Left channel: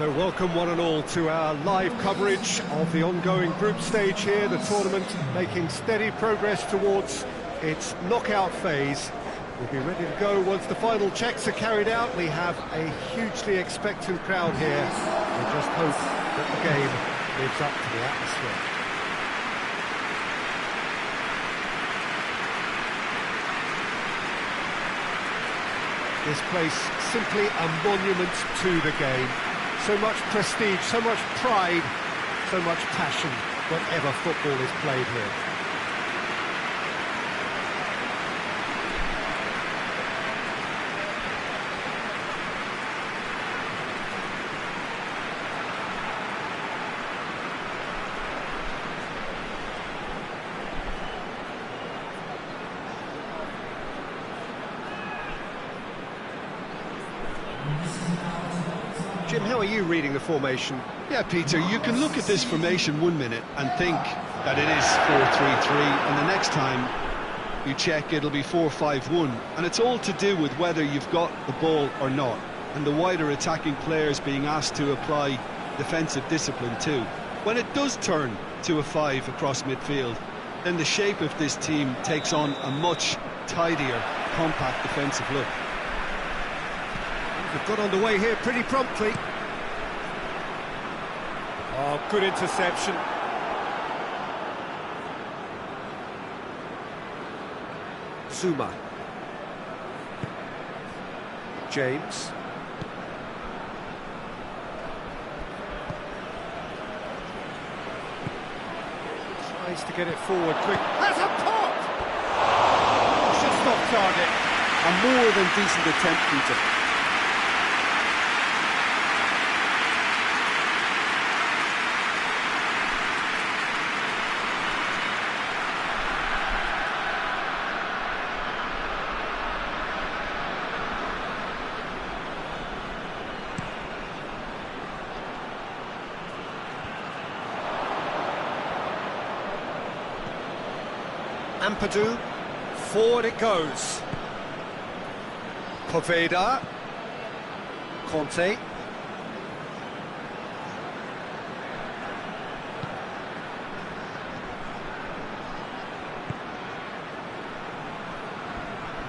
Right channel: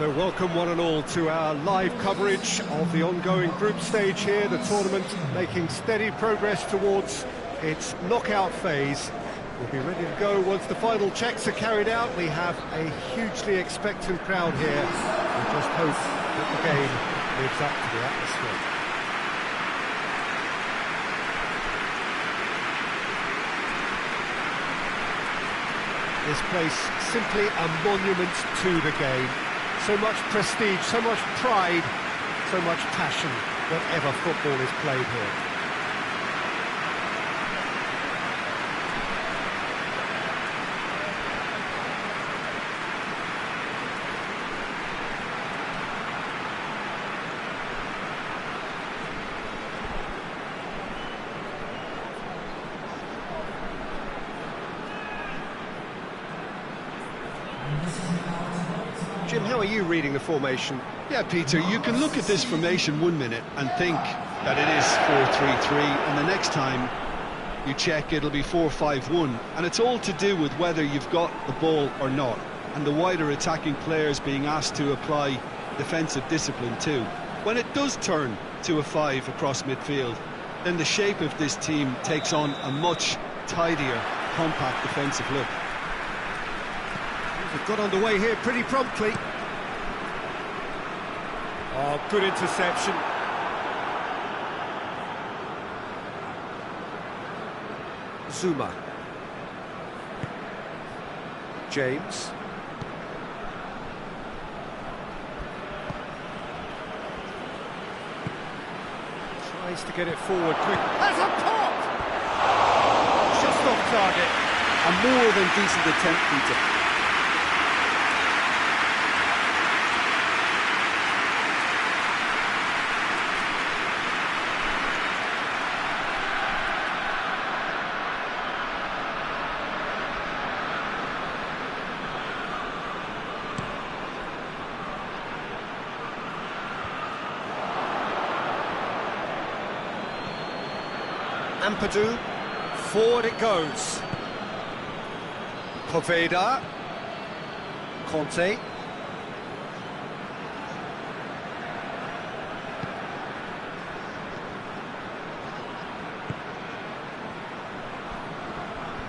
So welcome one and all to our live coverage of the ongoing group stage here, the tournament making steady progress towards its knockout phase. We'll be ready to go once the final checks are carried out. We have a hugely expectant crowd here. We just hope that the game lives up to the atmosphere. This place simply a monument to the game. So much prestige, so much pride, so much passion whenever football is played here. Jim, how are you reading the formation? Yeah, Peter, you can look at this formation 1 minute and think that it is 4-3-3, and the next time you check it'll be 4-5-1, and it's all to do with whether you've got the ball or not, and the wider attacking players being asked to apply defensive discipline too. When it does turn to a 5 across midfield, then the shape of this team takes on a much tidier, compact defensive look. They've got underway here pretty promptly. Oh, good interception. Zuma. James. Tries to get it forward quick. Has a pop! Just off target. A more than decent attempt, Peter. Ampadu, forward it goes. Poveda, Conte.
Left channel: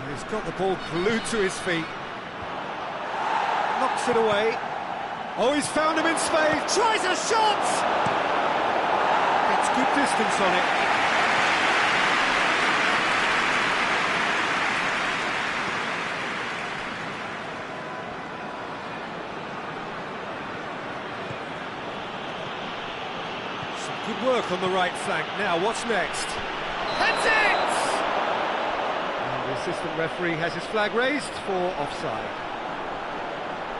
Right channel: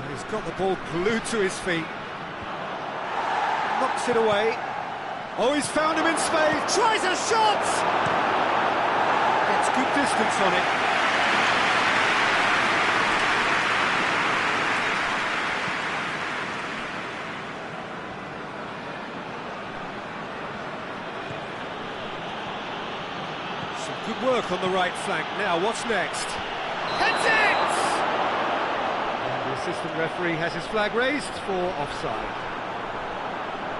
He's got the ball glued to his feet. Knocks it away. Oh, he's found him in space. Tries a shot! Gets good distance on it. Some good work on the right flank. Now, what's next? Heads it! And the assistant referee has his flag raised for offside.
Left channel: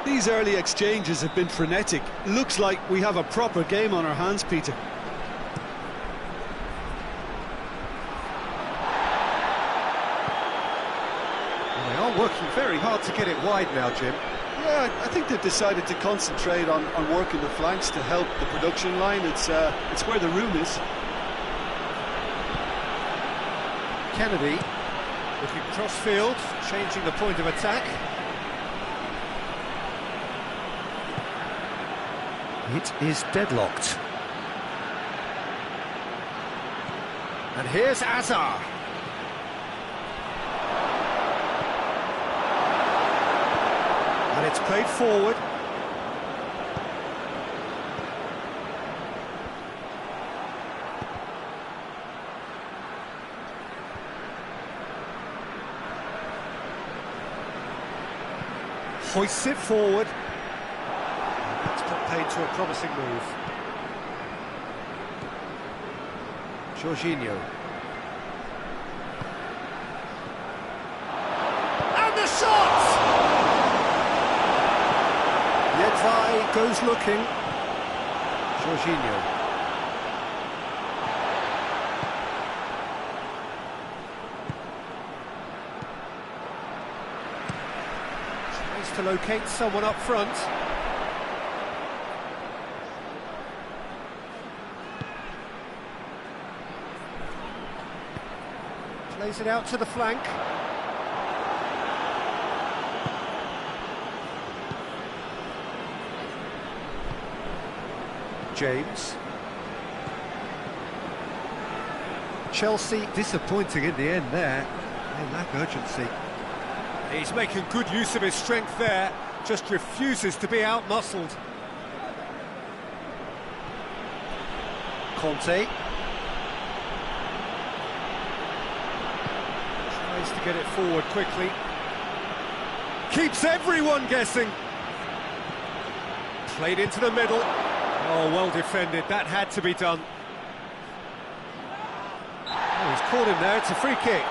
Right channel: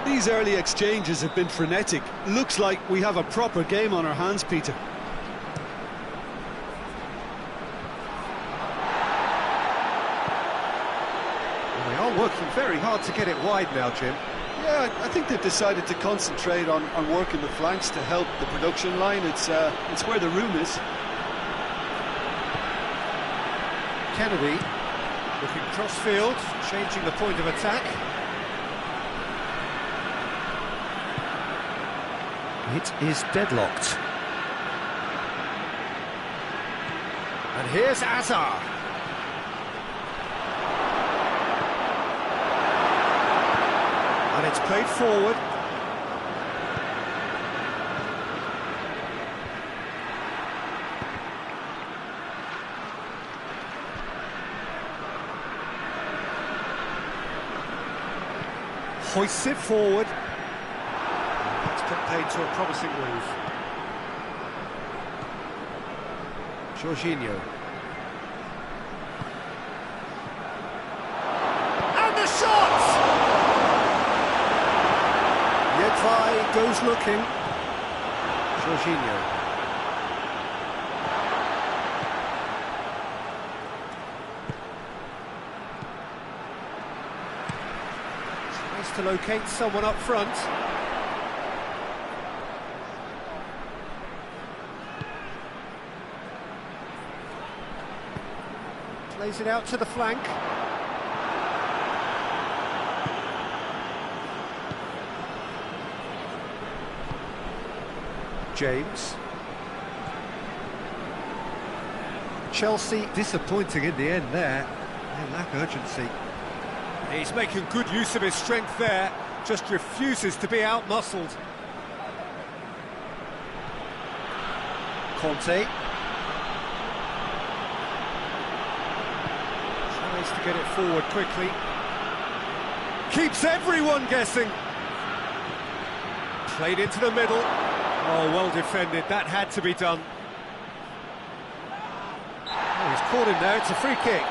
These early exchanges have been frenetic. Looks like we have a proper game on our hands, Peter. Well, they are working very hard to get it wide now, Jim. Yeah, I think they've decided to concentrate on working the flanks to help the production line. It's where the room is. Kennedy looking cross-field, changing the point of attack. It is deadlocked. And here's Azar. And it's played forward. Hoists it forward. That's put paid to a promising move. Jorginho. And the shot! Yedvai goes looking. Jorginho. Tries to locate someone up front. Plays it out to the flank. James. Chelsea disappointing in the end there. They lack urgency. He's making good use of his strength there, just refuses to be out-muscled. Conte. Tries to get it forward quickly. Keeps everyone guessing. Played into the middle. Oh, well defended, that had to be done. Oh, he's caught him there, it's a free kick.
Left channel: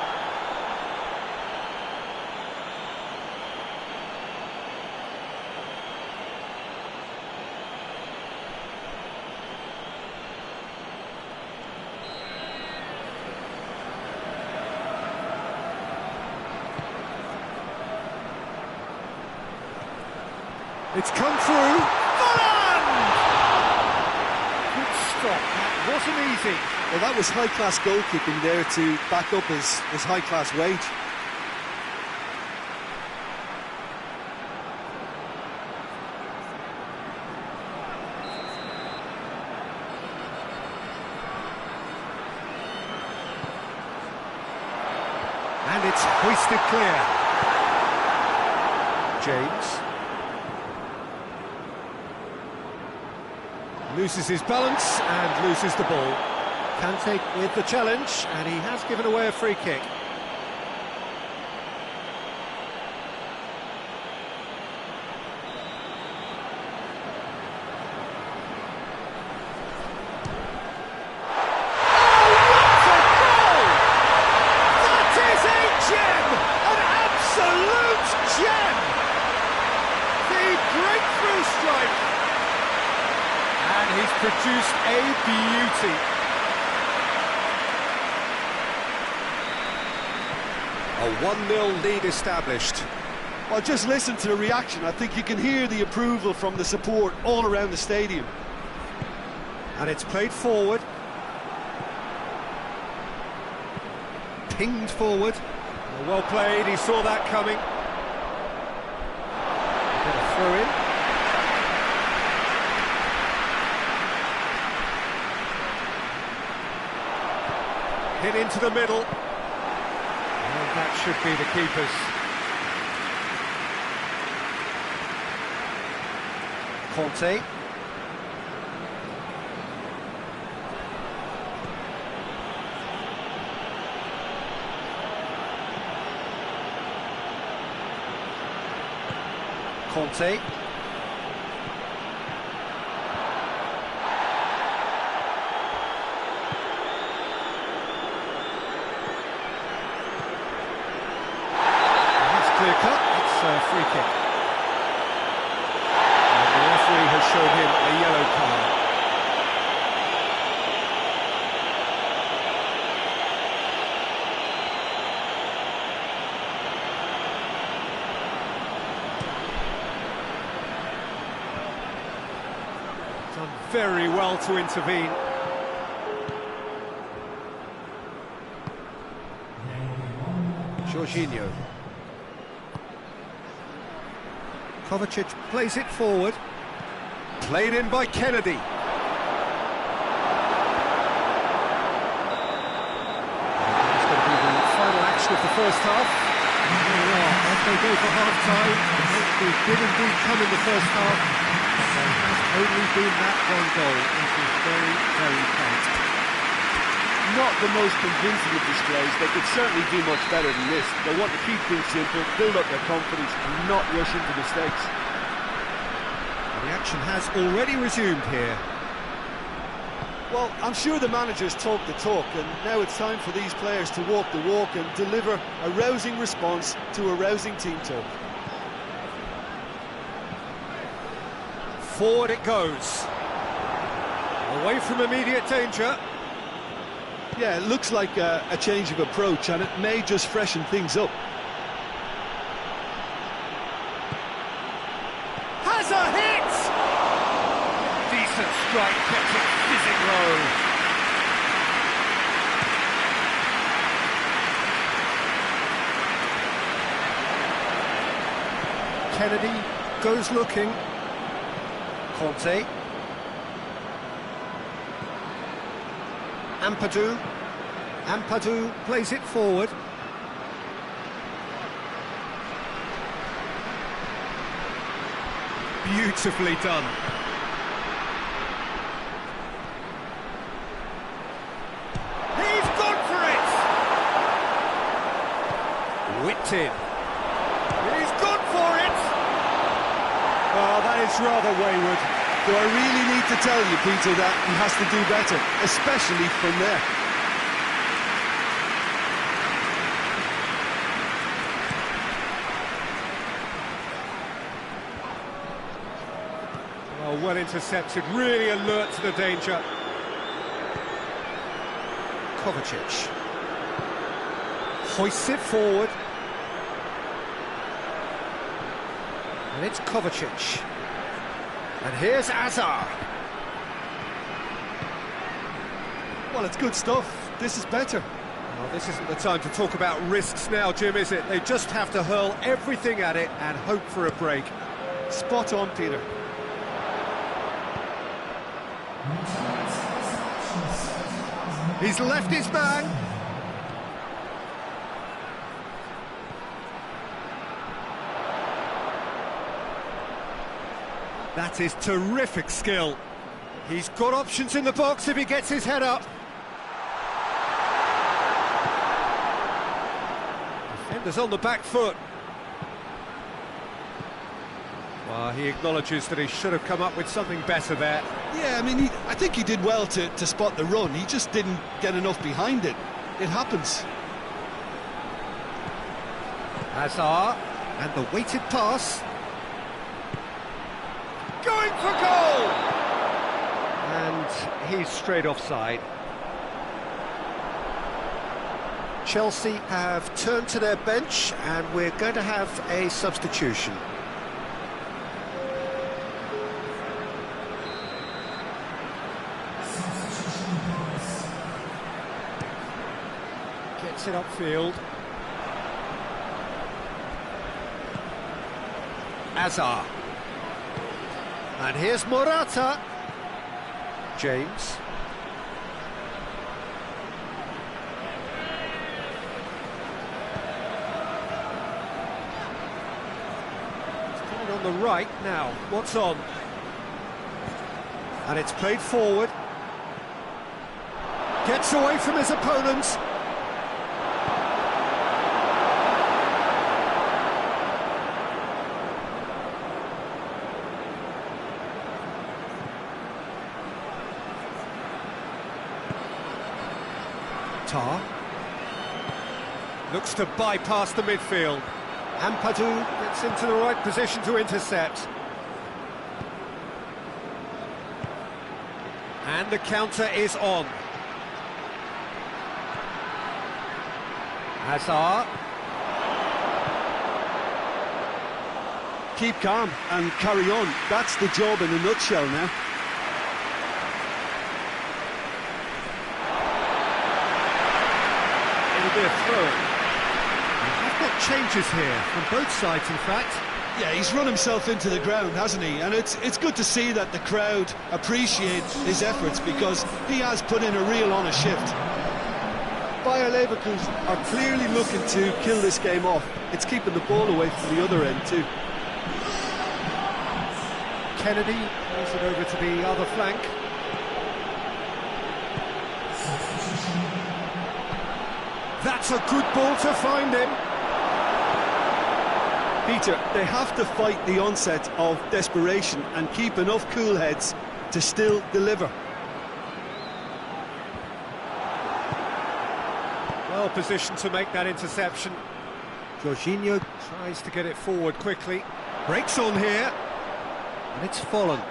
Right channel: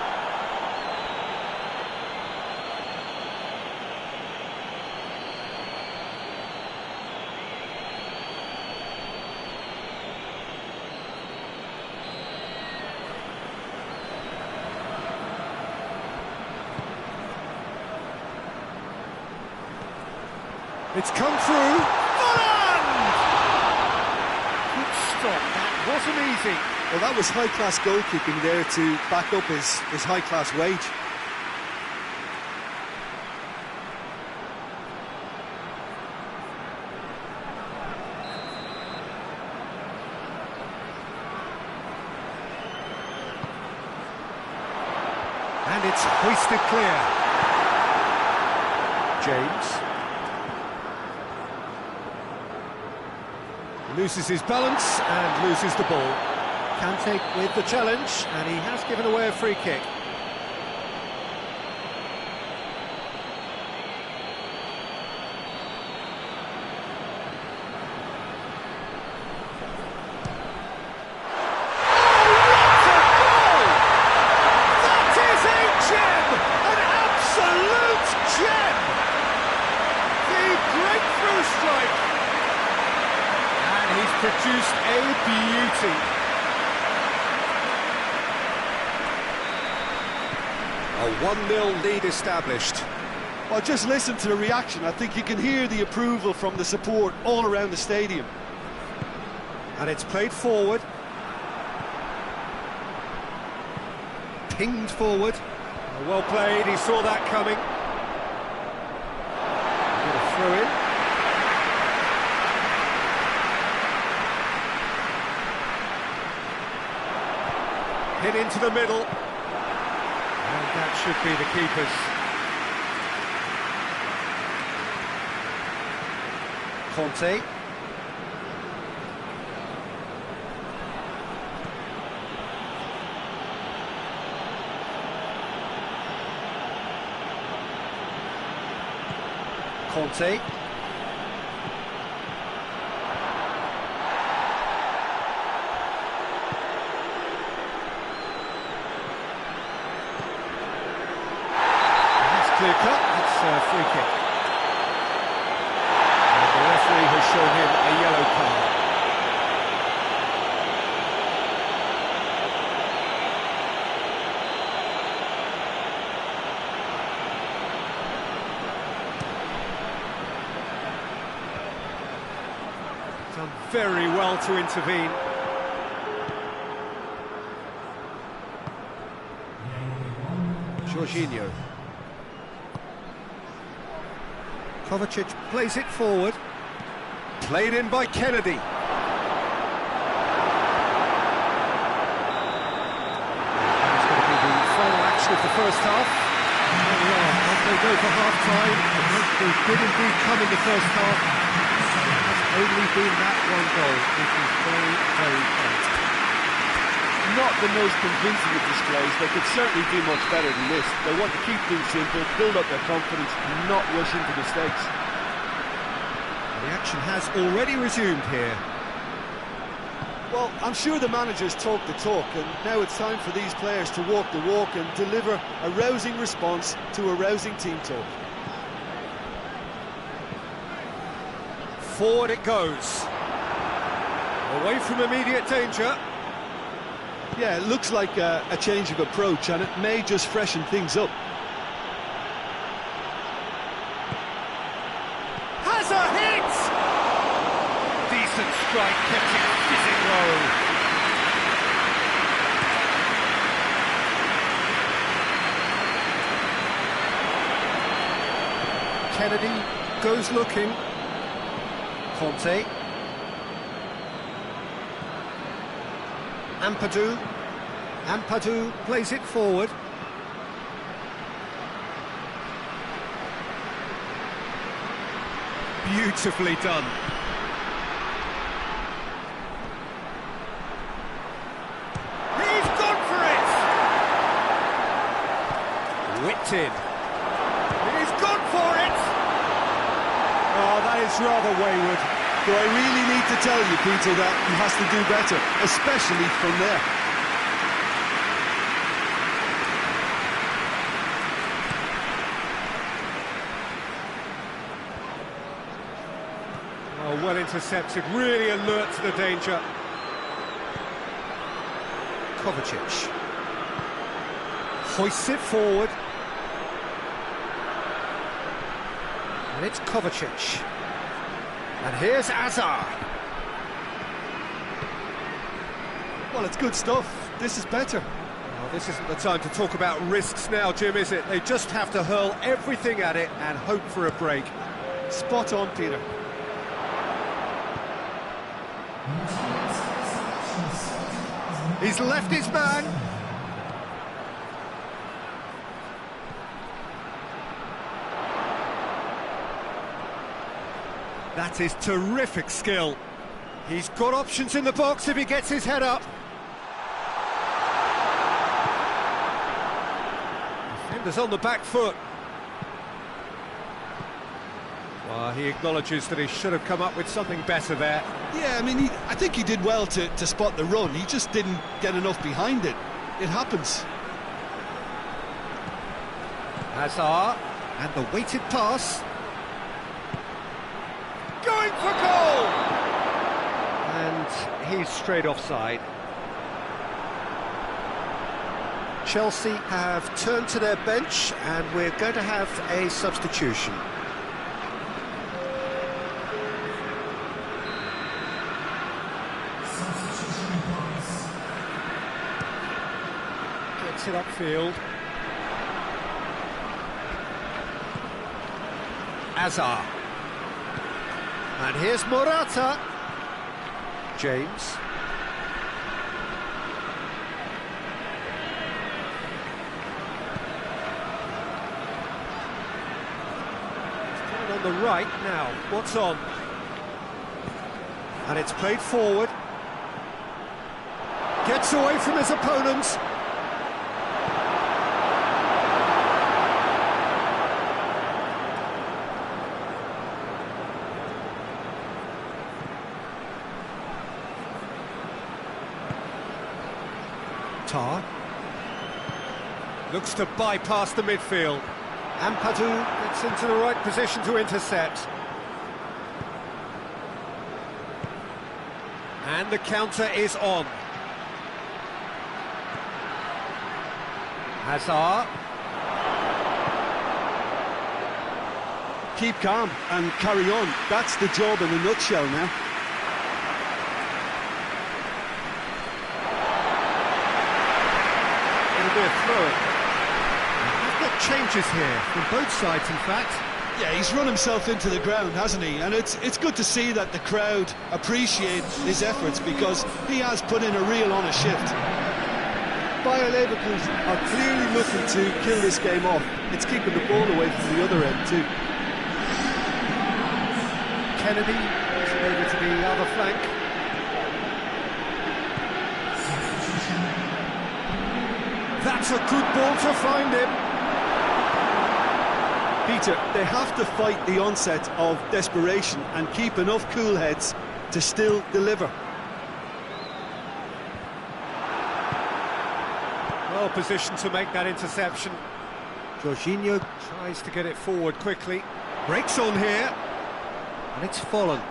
It's come through. Varane! Good stop, that wasn't easy. Well, that was high-class goalkeeping there to back up his high-class wage. And it's hoisted clear. James. Loses his balance and loses the ball. Kante with the challenge, and he has given away a free kick. Oh, what a goal! That is a gem! An absolute gem! The breakthrough strike! And he's produced a beauty. A 1-0 lead established. Well, just listen to the reaction. I think you can hear the approval from the support all around the stadium. And it's played forward. Pinged forward. Well played, he saw that coming. Get a throw in. Hit into the middle. And that should be the keeper's. Conte. Conte. Clear cut, it's a free kick. And the referee has shown him a yellow card. Done very well to intervene. Jorginho. Kovacic plays it forward. Played in by Kennedy. And it's going to be the final action of the first half. And here we are, off they go for half-time. The breakthrough did indeed come in the first half, but there has only been that one goal. It is very, very tight. Not the most convincing of displays. They could certainly do much better than this. They want to keep things simple, build up their confidence and not rush into mistakes. And the action has already resumed here. Well, I'm sure the managers talk the talk, and now it's time for these players to walk the walk and deliver a rousing response to a rousing team talk. Forward it goes. Away from immediate danger. Yeah, it looks like a change of approach, and it may just freshen things up. Has a hit! Decent strike, kept it fizzing low. Kennedy goes looking. Conte. Ampadu. Ampadu plays it forward. Beautifully done. He's gone for it! Whipped in. He's gone for it! Oh, that is rather wayward. Do I really need to tell you, Peter, that he has to do better, especially from there? Oh, well intercepted, really alert to the danger. Kovacic hoists it forward. And it's Kovacic. And here's Azar. Well, it's good stuff. This is better. Well, this isn't the time to talk about risks now, Jim, is it? They just have to hurl everything at it and hope for a break. Spot on, Peter. He's left his man. That is terrific skill. He's got options in the box if he gets his head up. Defender's on the back foot. Well, he acknowledges that he should have come up with something better there. Yeah, I mean, I think he did well to spot the run. He just didn't get enough behind it. It happens. Hazard, and the weighted pass. Going for goal! And he's straight offside. Chelsea have turned to their bench, and we're going to have a substitution. Gets it upfield. Azar. And here's Morata. James. He's coming on the right now. What's on? And it's played forward. Gets away from his opponents. Tar looks to bypass the midfield. Ampadu gets into the right position to intercept. And the counter is on. Hazard. Keep calm and carry on. That's the job in a nutshell now. It'll be a throw-in. I've got changes here from both sides, in fact. Yeah, he's run himself into the ground, hasn't he? And it's good to see that the crowd appreciate his efforts, because he has put in a real honest shift. Bayer Leverkusen are clearly looking to kill this game off. It's keeping the ball away from the other end too. Kennedy moves it over to the other flank. That's a good ball to find him. Peter, they have to fight the onset of desperation and keep enough cool heads to still deliver. Well positioned to make that interception. Jorginho tries to get it forward quickly. Breaks on here. And it's Folland.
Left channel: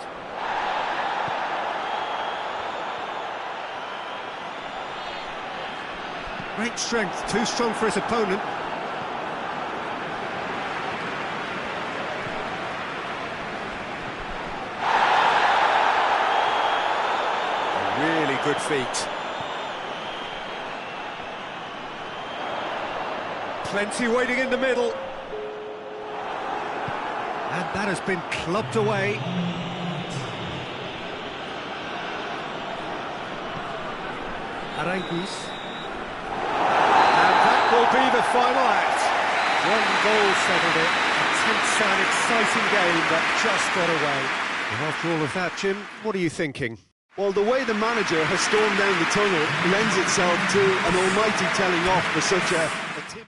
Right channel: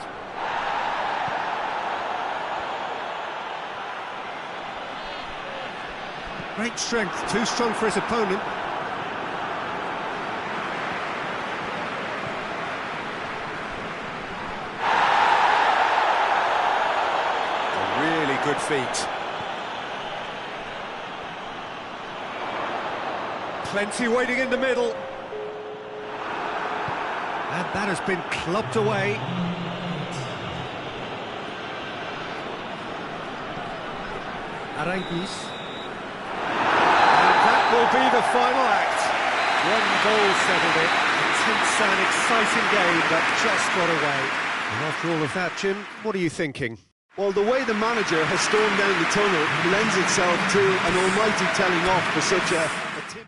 Great strength, too strong for his opponent. A really good feat. Plenty waiting in the middle. And that has been clubbed away. Aranguis. And that will be the final act. One goal settled it. A tense and exciting game that just got away. And after all of that, Jim, what are you thinking? Well, the way the manager has stormed down the tunnel lends itself to an almighty telling off for such a team.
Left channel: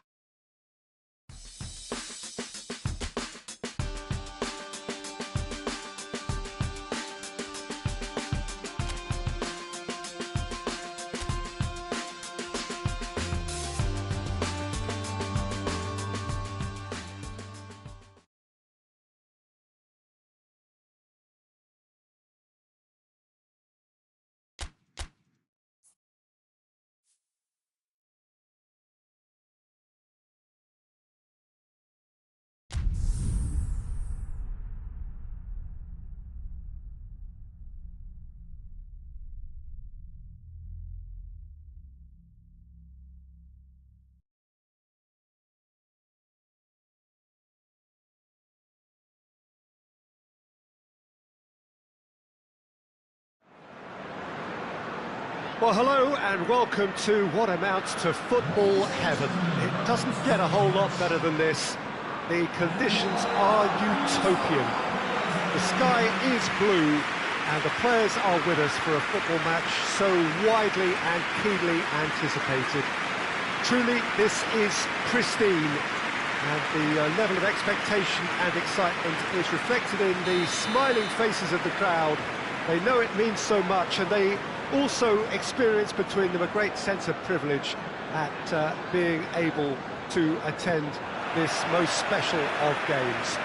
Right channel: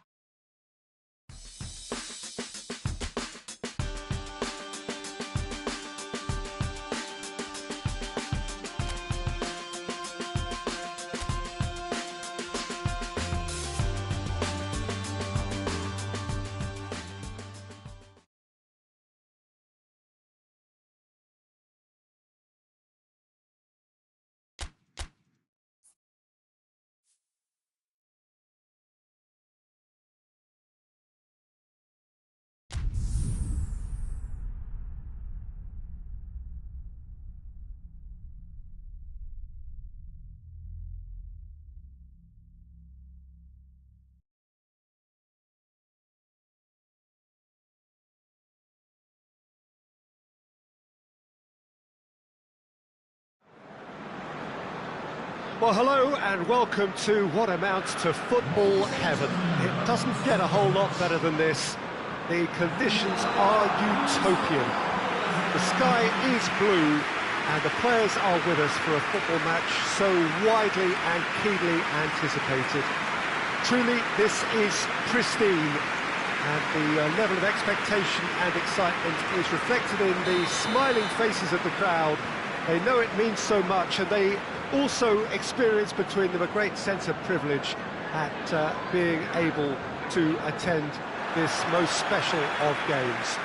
Well, hello and welcome to what amounts to football heaven. It doesn't get a whole lot better than this. The conditions are utopian. The sky is blue and the players are with us for a football match so widely and keenly anticipated. Truly, this is pristine, and the level of expectation and excitement is reflected in the smiling faces of the crowd. They know it means so much, and they also experience between them a great sense of privilege at being able to attend this most special of games.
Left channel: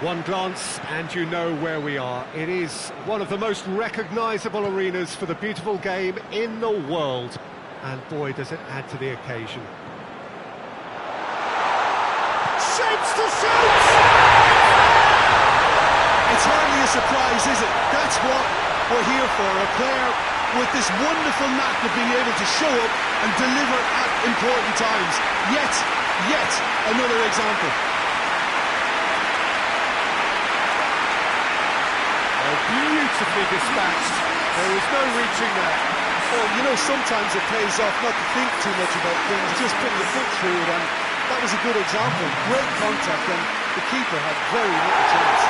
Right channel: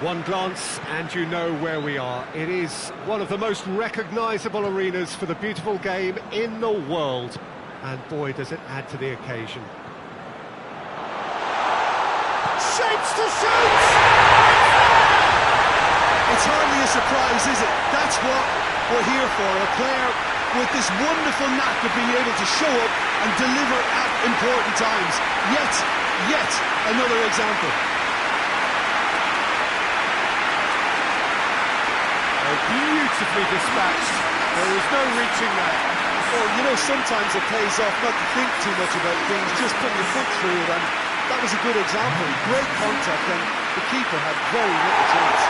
One glance and you know where we are. It is one of the most recognisable arenas for the beautiful game in the world. And boy, does it add to the occasion. Shapes to shoot! It's hardly a surprise, is it? That's what we're here for. A player with this wonderful knack of being able to show up and deliver at important times. Yet another example. Oh, beautifully dispatched. There was no reaching that. Well, you know, sometimes it pays off not to think too much about things, just put your foot through it, and that was a good example. Great contact, and the keeper had very little chance.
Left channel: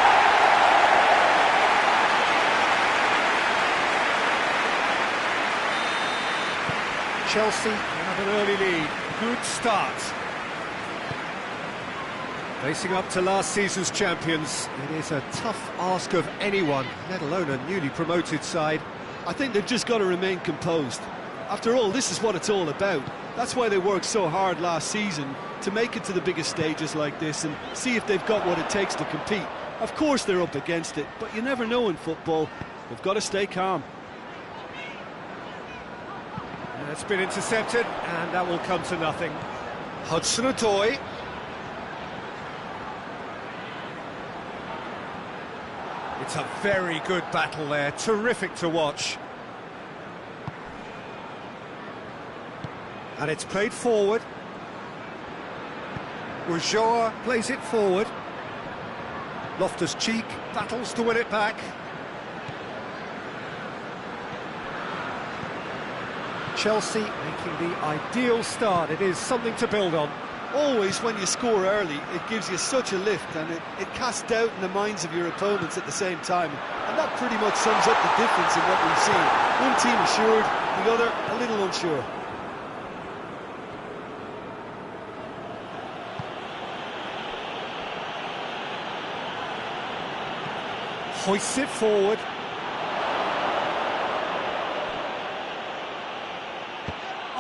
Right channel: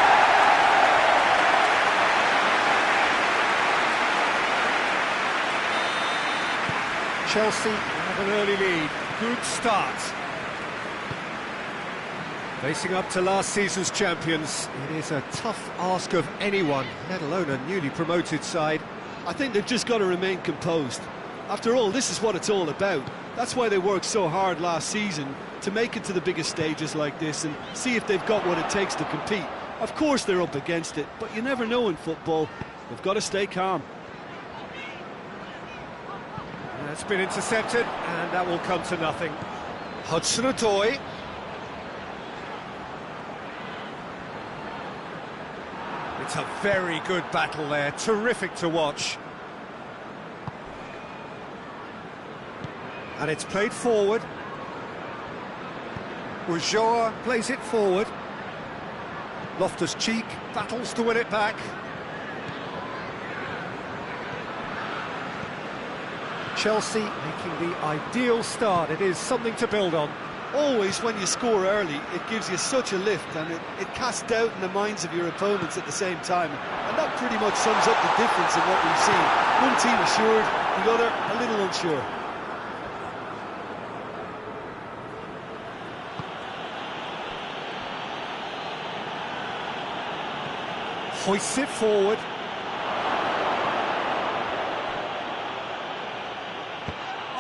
Chelsea have an early lead. Good start. Facing up to last season's champions, it is a tough ask of anyone, let alone a newly promoted side. I think they've just got to remain composed. After all, this is what it's all about. That's why they worked so hard last season to make it to the biggest stages like this and see if they've got what it takes to compete. Of course they're up against it, but you never know in football. They've got to stay calm. It's been intercepted, and that will come to nothing. Hudson-Odoi. It's a very good battle there, terrific to watch. And it's played forward. Ulloa plays it forward. Loftus-Cheek battles to win it back. Chelsea making the ideal start. It is something to build on. Always when you score early, it gives you such a lift, and it casts doubt in the minds of your opponents at the same time. And that pretty much sums up the difference in what we've seen. One team assured, the other a little unsure. Hoists it forward.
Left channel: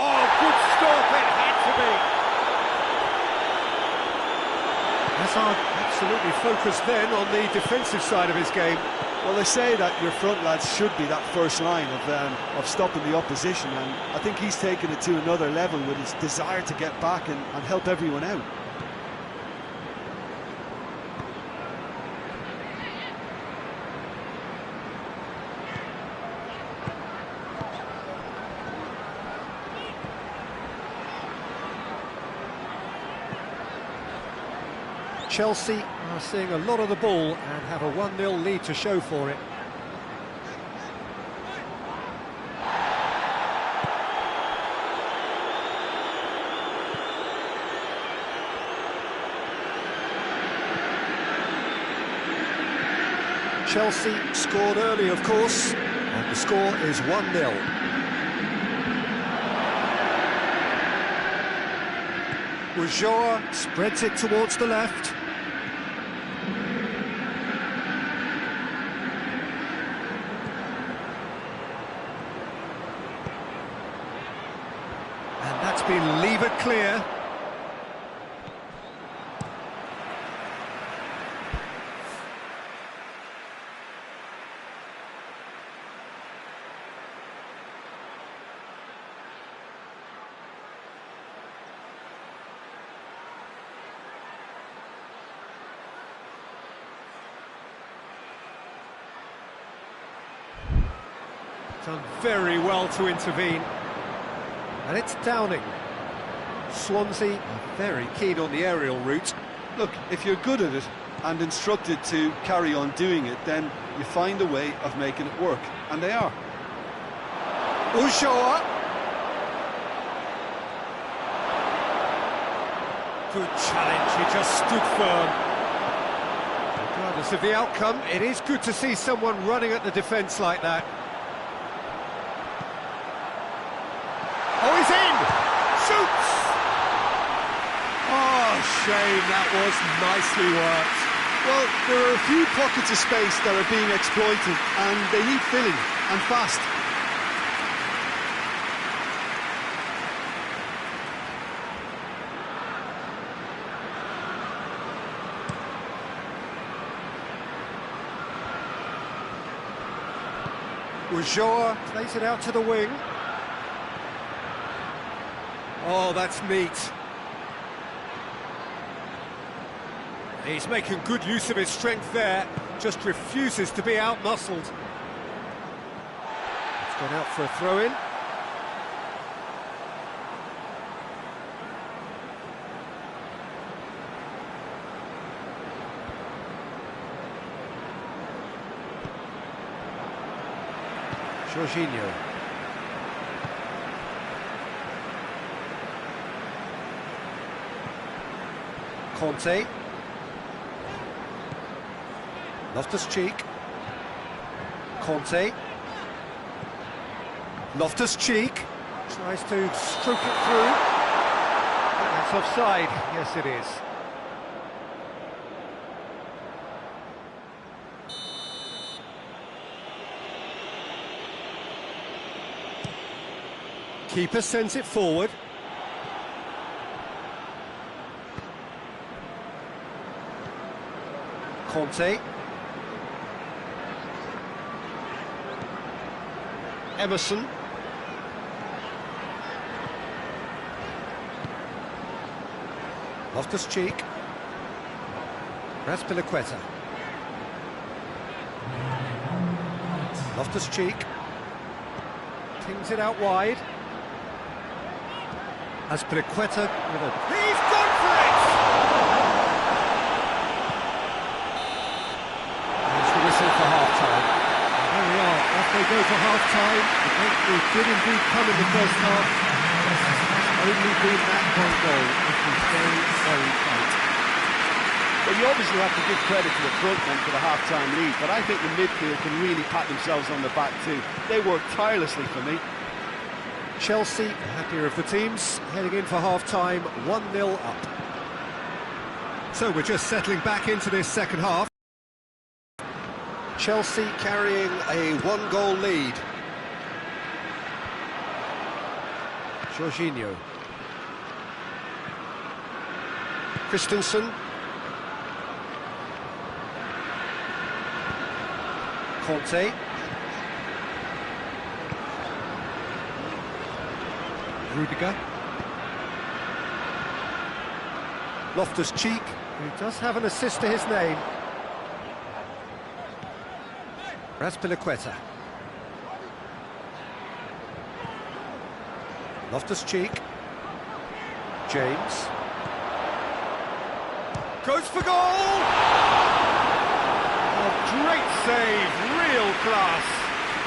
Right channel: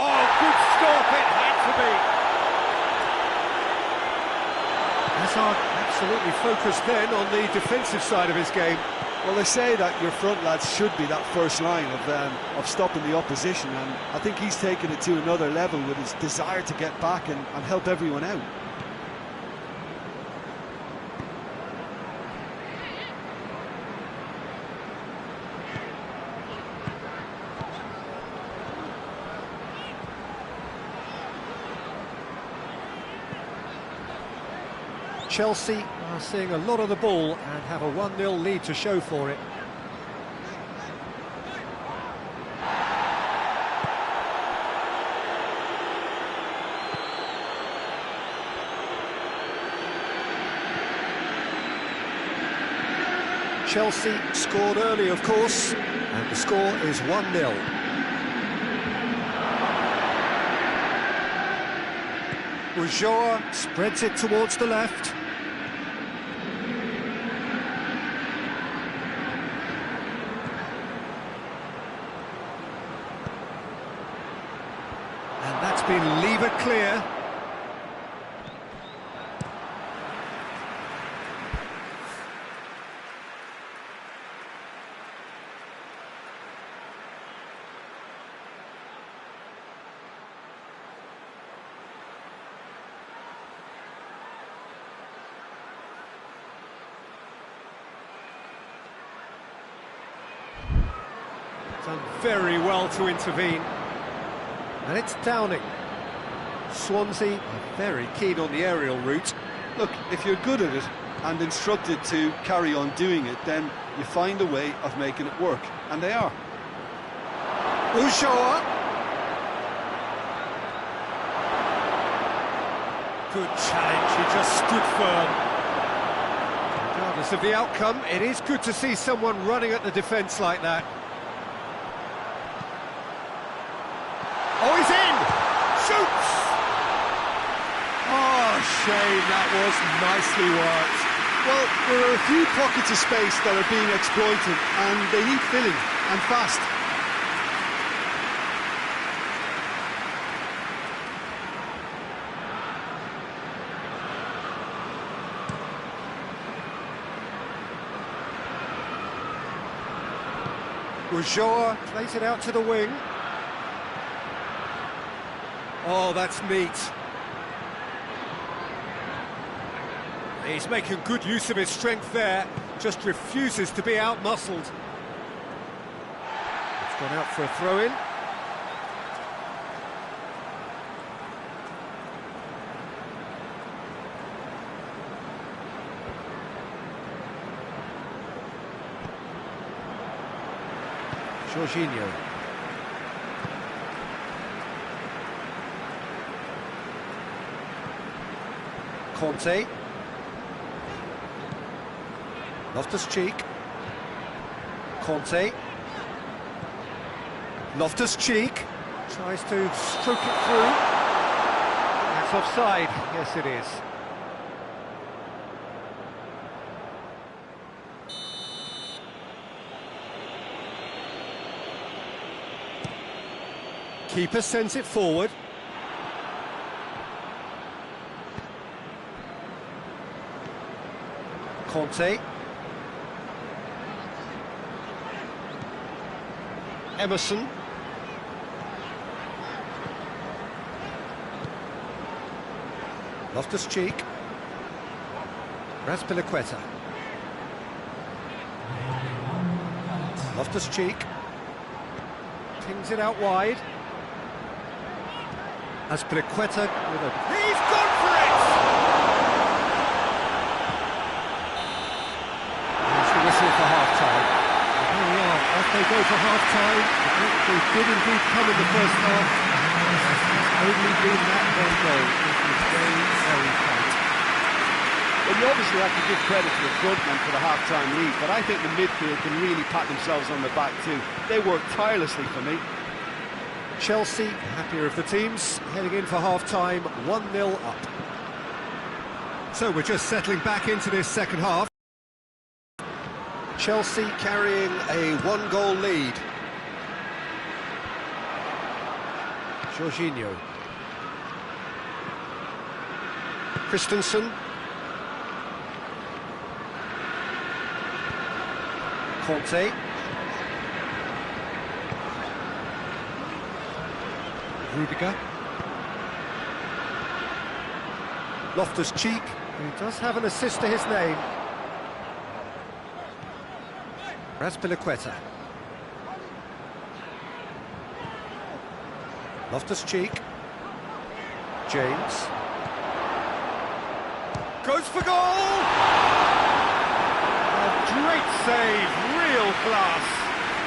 Oh, good stop, it had to be. Hazard absolutely focused then on the defensive side of his game. Well, they say that your front lads should be that first line of stopping the opposition, and I think he's taken it to another level with his desire to get back and help everyone out. Chelsea are seeing a lot of the ball and have a 1-0 lead to show for it. Chelsea scored early, of course, and the score is 1-0. Ulloa spreads it towards the left. And that's been levered clear. Done very well to intervene. And it's Downing. Swansea are very keen on the aerial route. Look, if you're good at it and instructed to carry on doing it, then you find a way of making it work, and they are. Ulloa. Good challenge, he just stood firm. Regardless of the outcome, it is good to see someone running at the defence like that. Oh, he's in! Shoots! Oh, shame, that was nicely worked. Well, there are a few pockets of space that are being exploited, and they need filling, and fast. Ulloa plays it out to the wing. Oh, that's neat. He's making good use of his strength there, just refuses to be out-muscled. It's gone out for a throw-in. Jorginho. Conte. Loftus-Cheek. Conte. Loftus-Cheek tries to stroke it through. That's offside. Yes, it is. Keeper sends it forward. Conte. Emerson. Loftus-Cheek. Raspilicueta. Loftus-Cheek. Pings it out wide. Raspilicueta with a... He's gone for it! There's the whistle for half-time. And there we are, off they go for half-time. The breakthrough did indeed come in the first half, but there has only been that one goal. It was very, very tight. Well, you obviously have to give credit to the front men for the half-time lead, but I think the midfield can really pat themselves on the back too. They worked tirelessly for me. Chelsea, happier of the teams, heading in for half-time, 1-0 up. So we're just settling back into this second half. Chelsea carrying a one-goal lead. Jorginho. Christensen. Conte. Rudiger. Loftus-Cheek, who does have an assist to his name. Raspilicueta. Loftus-Cheek. James. Goes for goal! Oh, great save, real class.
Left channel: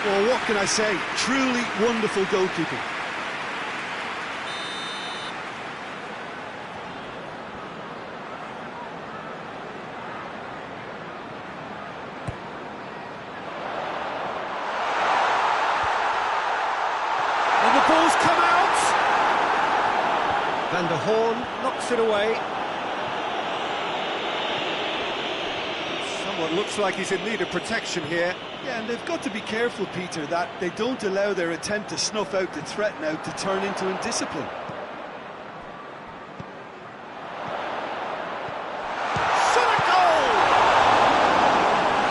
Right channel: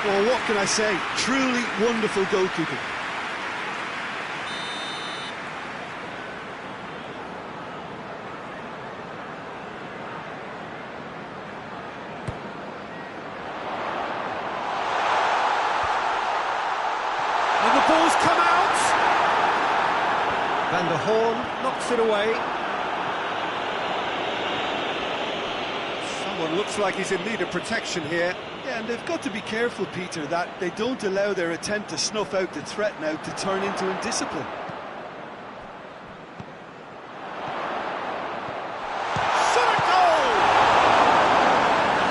Well, what can I say? Truly wonderful goalkeeping. And the ball's come out! Van der Horn knocks it away. Someone looks like he's in need of protection here. Yeah, and they've got to be careful, Peter, that they don't allow their attempt to snuff out the threat now to turn into indiscipline. Shot a goal!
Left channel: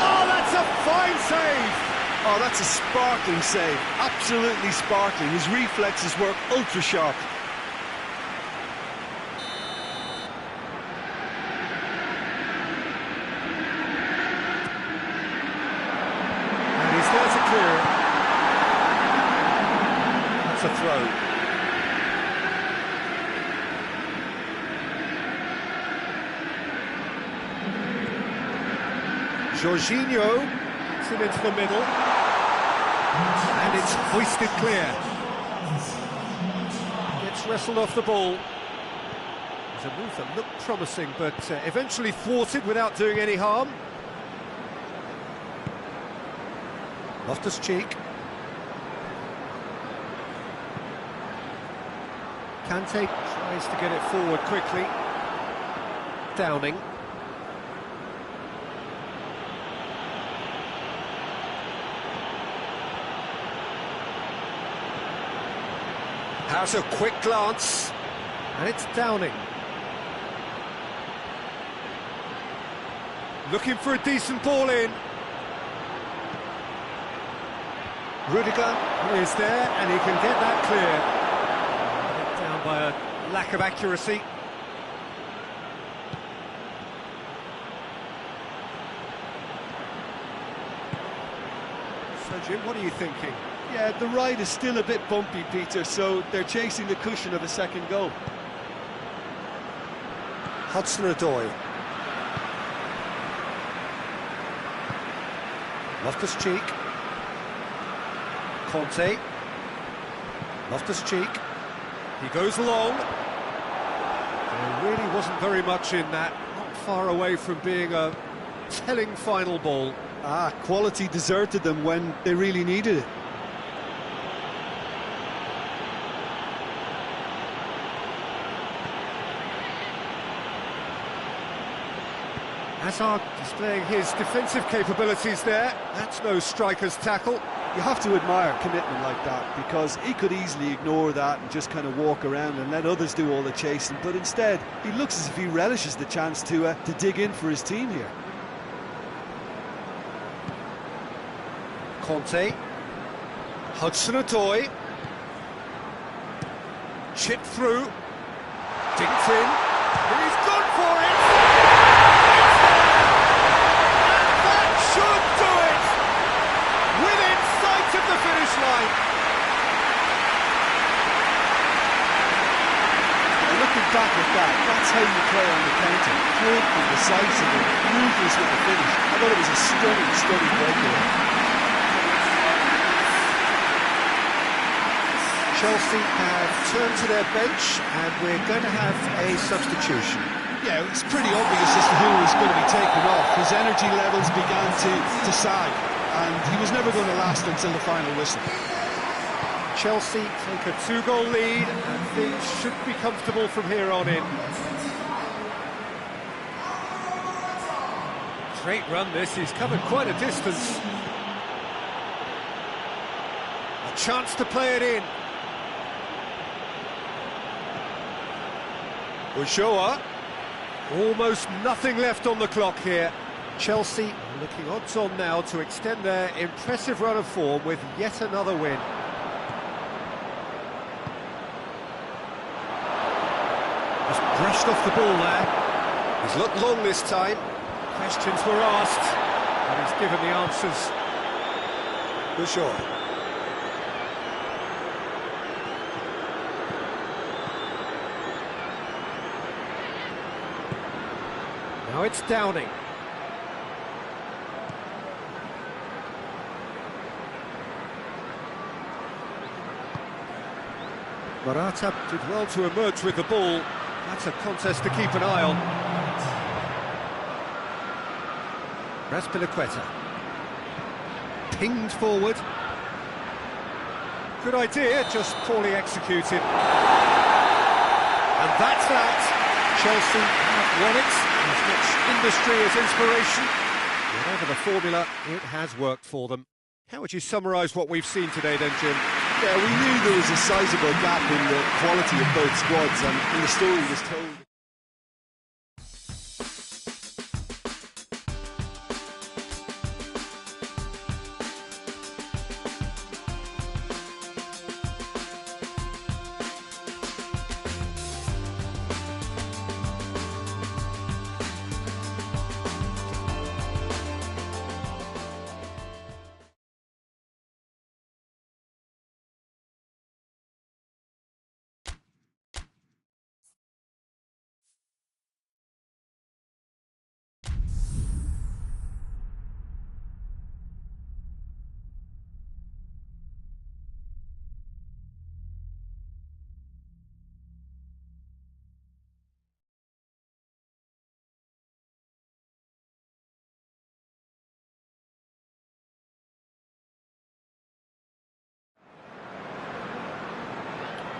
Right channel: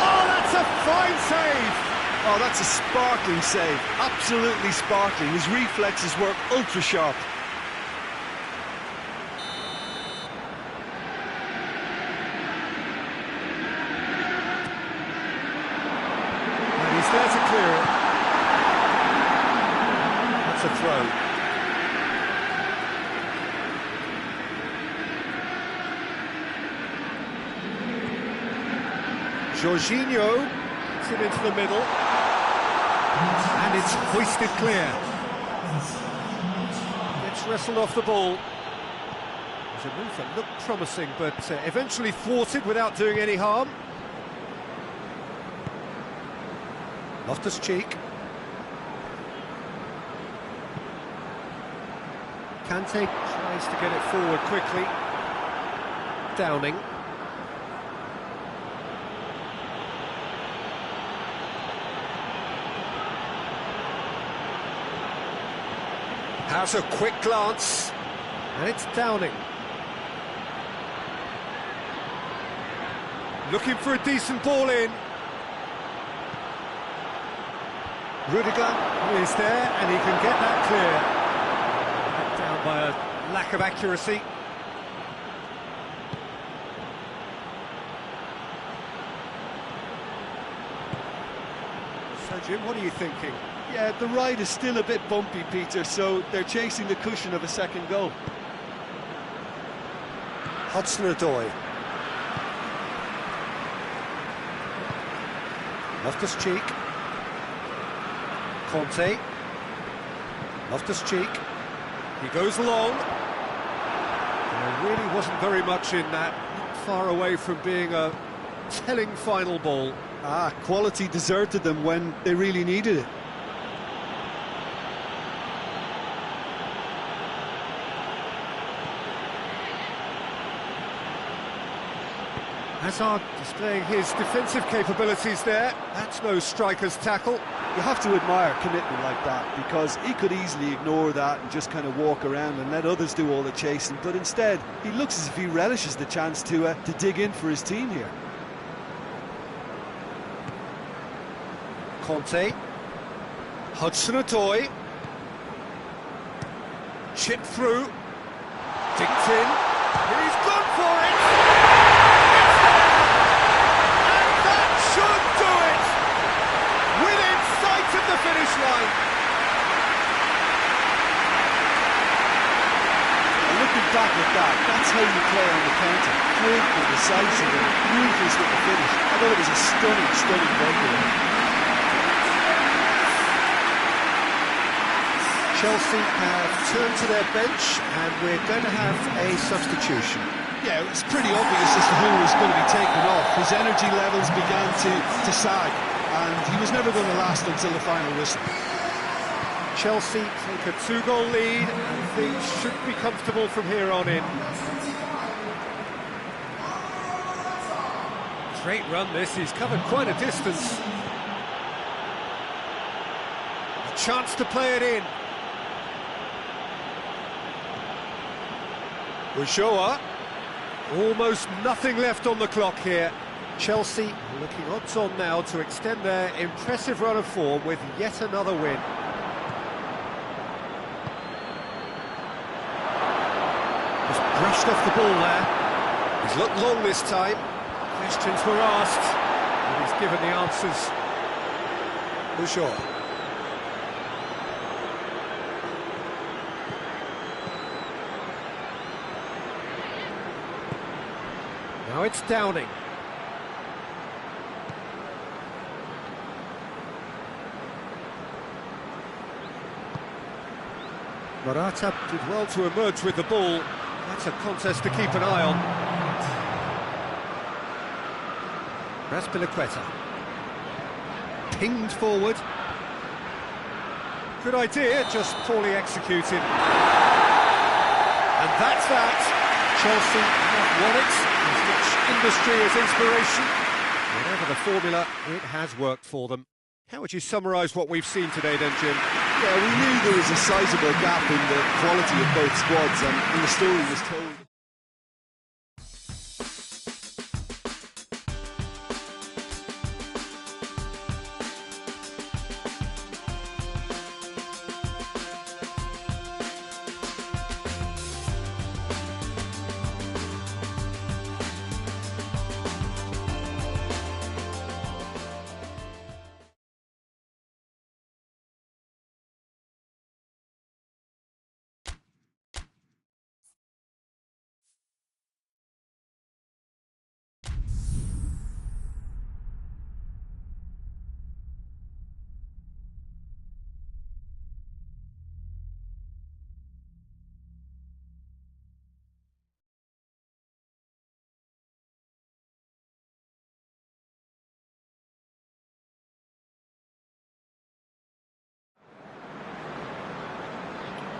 Oh, that's a fine save! Oh, that's a sparkling save. Absolutely sparkling. His reflexes were ultra-sharp. And he's there to clear it. That's a throw. Jorginho puts it into the middle. And it's hoisted clear. Gets wrestled off the ball. It was a move that looked promising, but eventually thwarted without doing any harm. Loftus-Cheek. Kante tries to get it forward quickly. Downing. Has a quick glance, and it's Downing. Looking for a decent ball in. Rudiger is there, and he can get that clear. Let down by a lack of accuracy. So, Jim, what are you thinking? Yeah, the ride is still a bit bumpy, Peter, so they're chasing the cushion of a second goal. Hudson-Odoi. Loftus-Cheek. Conte. Loftus-Cheek. He goes along. There really wasn't very much in that. Not far away from being a telling final ball. Ah, quality deserted them when they really needed it. Hazard displaying his defensive capabilities there. That's no striker's tackle. You have to admire commitment like that, because he could easily ignore that and just kind of walk around and let others do all the chasing, but instead he looks as if he relishes the chance to dig in for his team here. Conte. Hudson-Odoi. Chip through. Dinked in. He's gone for it! It's there! And that should do it! Within sight of the finish line. And looking back at that, that's how you play on the counter. Quick and decisive and ruthless with the finish. I thought it was a stunning breakaway. Chelsea have turned to their bench, and we're going to have a substitution. Yeah, it's pretty obvious as to who was going to be taken off. His energy levels began to sag, and he was never going to last until the final whistle. Chelsea take a 2-goal lead, and things should be comfortable from here on in. Great run this, he's covered quite a distance. A chance to play it in. Ulloa. Almost nothing left on the clock here. Chelsea are looking odds on now to extend their impressive run of form with yet another win. Just brushed off the ball there. He's looked long this time. Questions were asked, and he's given the answers. Ulloa. Now it's Downing. Morata did well to emerge with the ball. That's a contest to keep an eye on. Raspilicueta. Pinged forward. Good idea, just poorly executed. And that's that. Chelsea have won it. As much industry as inspiration. Whatever the formula, it has worked for them. How would you summarise what we've seen today then, Jim? Yeah, we knew there was a sizable gap in the quality of both squads, and the story was told.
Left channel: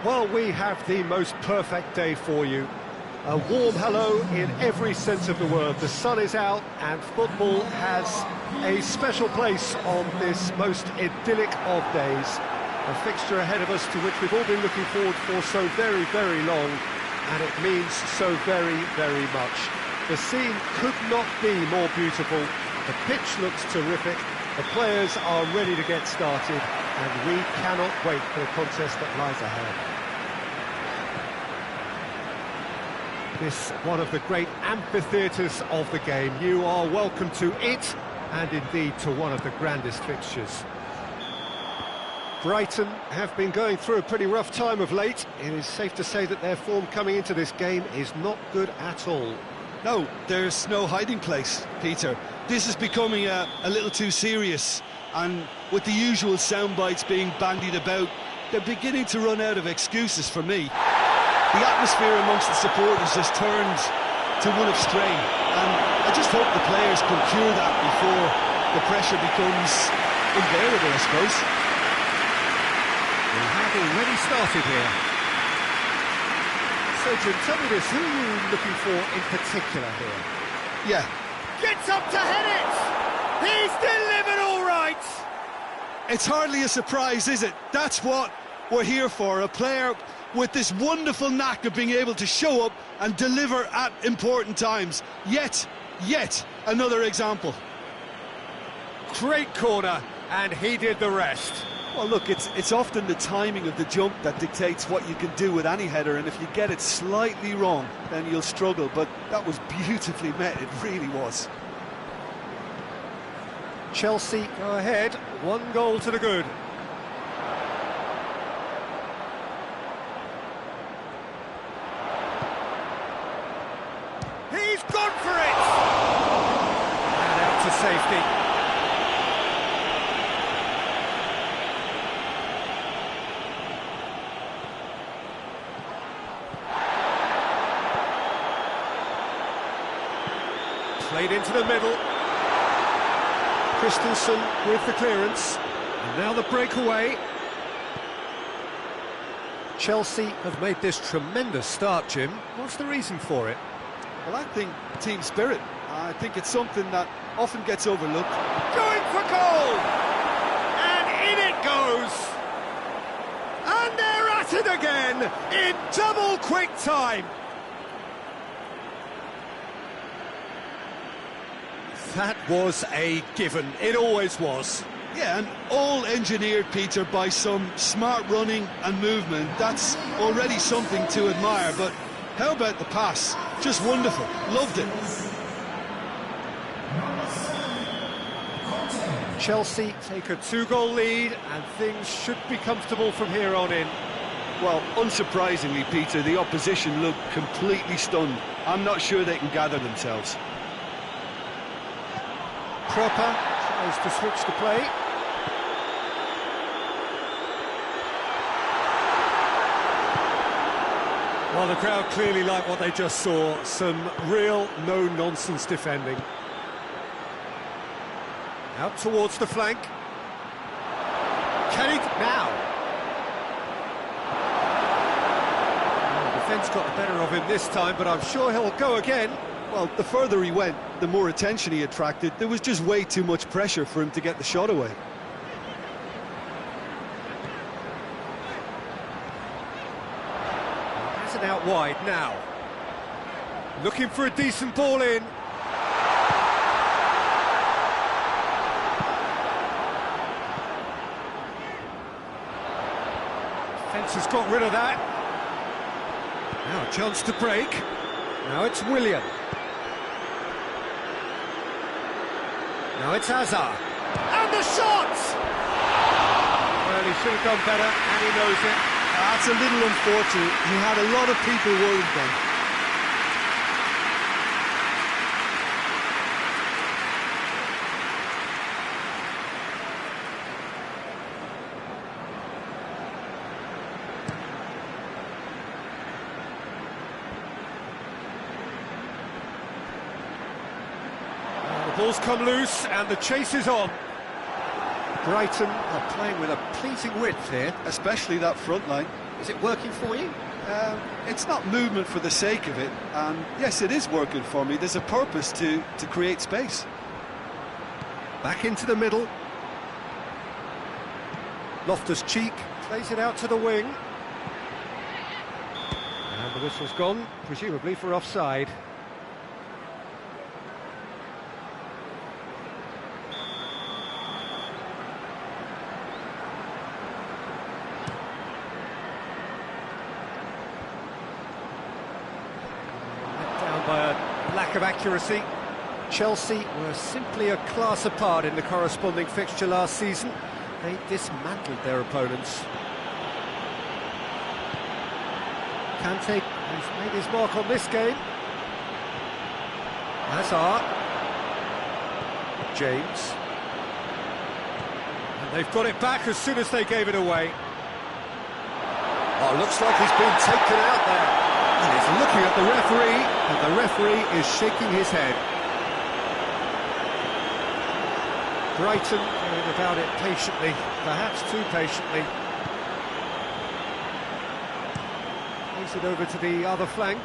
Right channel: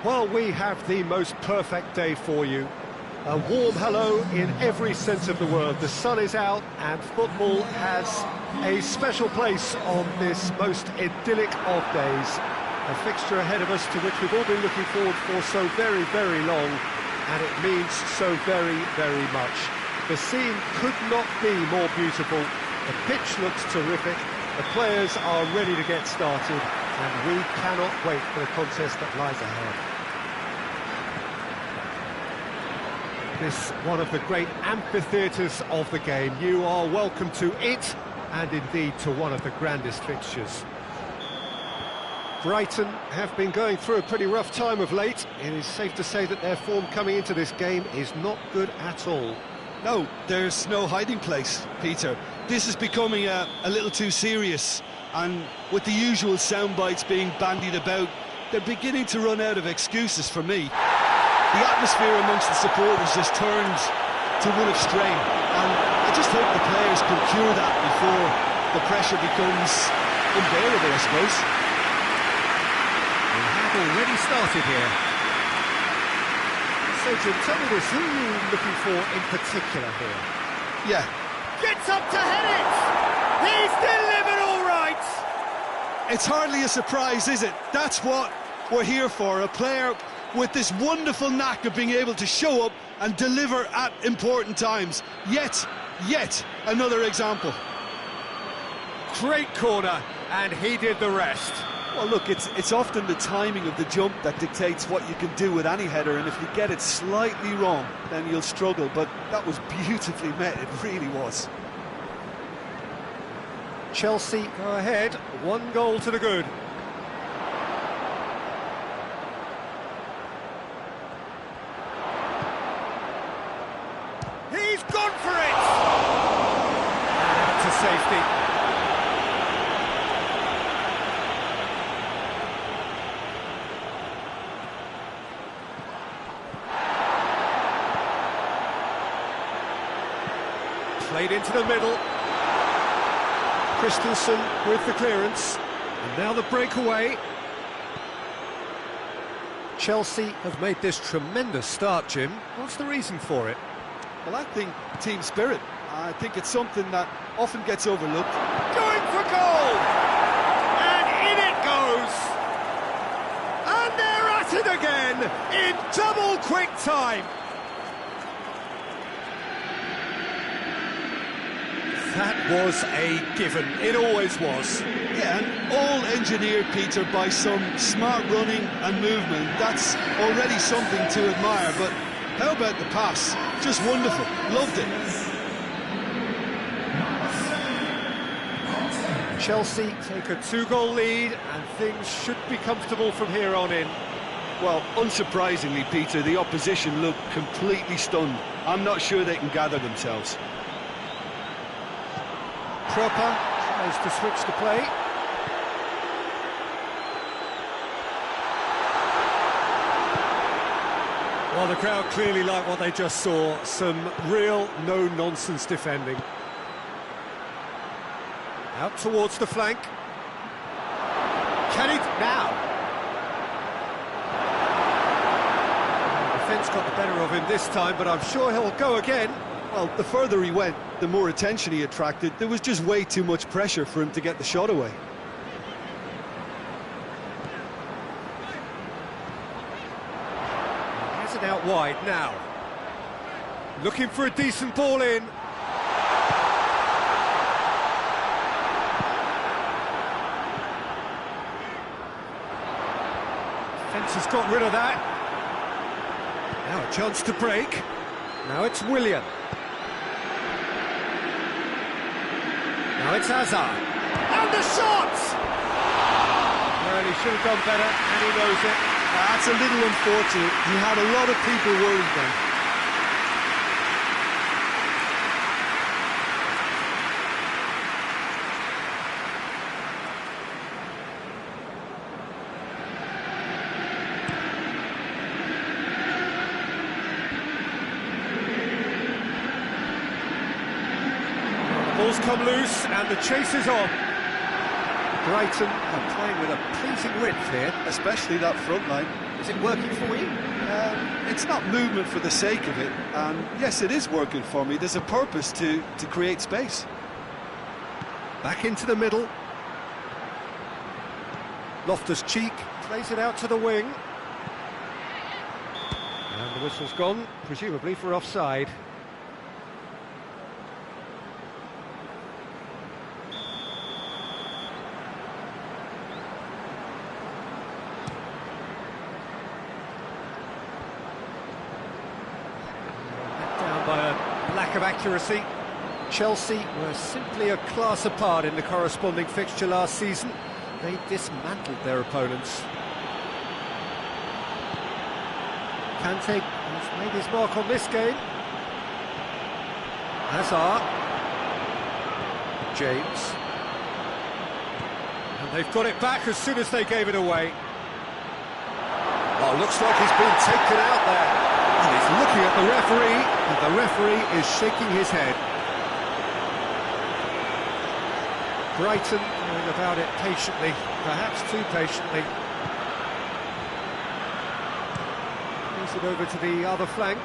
Well, we have the most perfect day for you. A warm hello in every sense of the word. The sun is out and football has a special place on this most idyllic of days. A fixture ahead of us to which we've all been looking forward for so very, very long, and it means so very, very much. The scene could not be more beautiful. The pitch looks terrific. The players are ready to get started, and we cannot wait for the contest that lies ahead. This one of the great amphitheatres of the game. You are welcome to it, and indeed to one of the grandest fixtures. Brighton have been going through a pretty rough time of late. It is safe to say that their form coming into this game is not good at all. No, there's no hiding place, Peter. This is becoming a little too serious, and with the usual sound bites being bandied about, they're beginning to run out of excuses for me. The atmosphere amongst the supporters has turned to one of strain, and I just hope the players can cure that before the pressure becomes unbearable, I suppose. We have already started here. So, Jim, tell me this, who are you looking for in particular here? Yeah. Gets up to head it! He's delivered all right! It's hardly a surprise, is it? That's what we're here for, a player with this wonderful knack of being able to show up and deliver at important times. Yet another example. Great corner, and he did the rest. Well, look, it's often the timing of the jump that dictates what you can do with any header, and if you get it slightly wrong, then you'll struggle, but that was beautifully met, it really was. Chelsea go ahead, 1 goal to the good. He's gone for it! And out to safety. Played into the middle. Christensen with the clearance. And now the breakaway. Chelsea have made this tremendous start, Jim. What's the reason for it? Well, I think team spirit. I think it's something that often gets overlooked. Going for goal! And in it goes! And they're at it again in double quick time! That was a given, it always was. Yeah, and all engineered, Peter, by some smart running and movement. That's already something to admire, but how about the pass? Just wonderful, loved it. Chelsea take a 2-goal lead, and things should be comfortable from here on in. Well, unsurprisingly, Peter, the opposition look completely stunned. I'm not sure they can gather themselves. Proper tries to switch the play. Well, the crowd clearly like what they just saw. Some real no-nonsense defending. Out towards the flank. Can he now? Defence got the better of him this time, but I'm sure he'll go again. Well, the further he went, the more attention he attracted. There was just way too much pressure for him to get the shot away. He has it out wide now. Looking for a decent ball in. Defence has got rid of that. Now a chance to break. Now it's Willian. Now it's Hazard. And the shot! Well, he should have done better, and he knows it. That's a little unfortunate. He had a lot of people worried then. Ball's come loose and the chase is on. Brighton are playing with a pleasing width here. Especially that front line. Is it working for you? It's not movement for the sake of it, and yes, it is working for me. There's a purpose to create space. Back into the middle. Loftus-Cheek plays it out to the wing. And the whistle's gone, presumably for offside. By a lack of accuracy. Chelsea were simply a class apart in the corresponding fixture last season. They dismantled their opponents. Kante has made his mark on this game. Hazard. James. And they've got it back as soon as they gave it away. Oh, looks like he's been taken out there. And he's looking at the referee, and the referee is shaking his head. Brighton going about it patiently, perhaps too patiently. Plays it over to the other flank.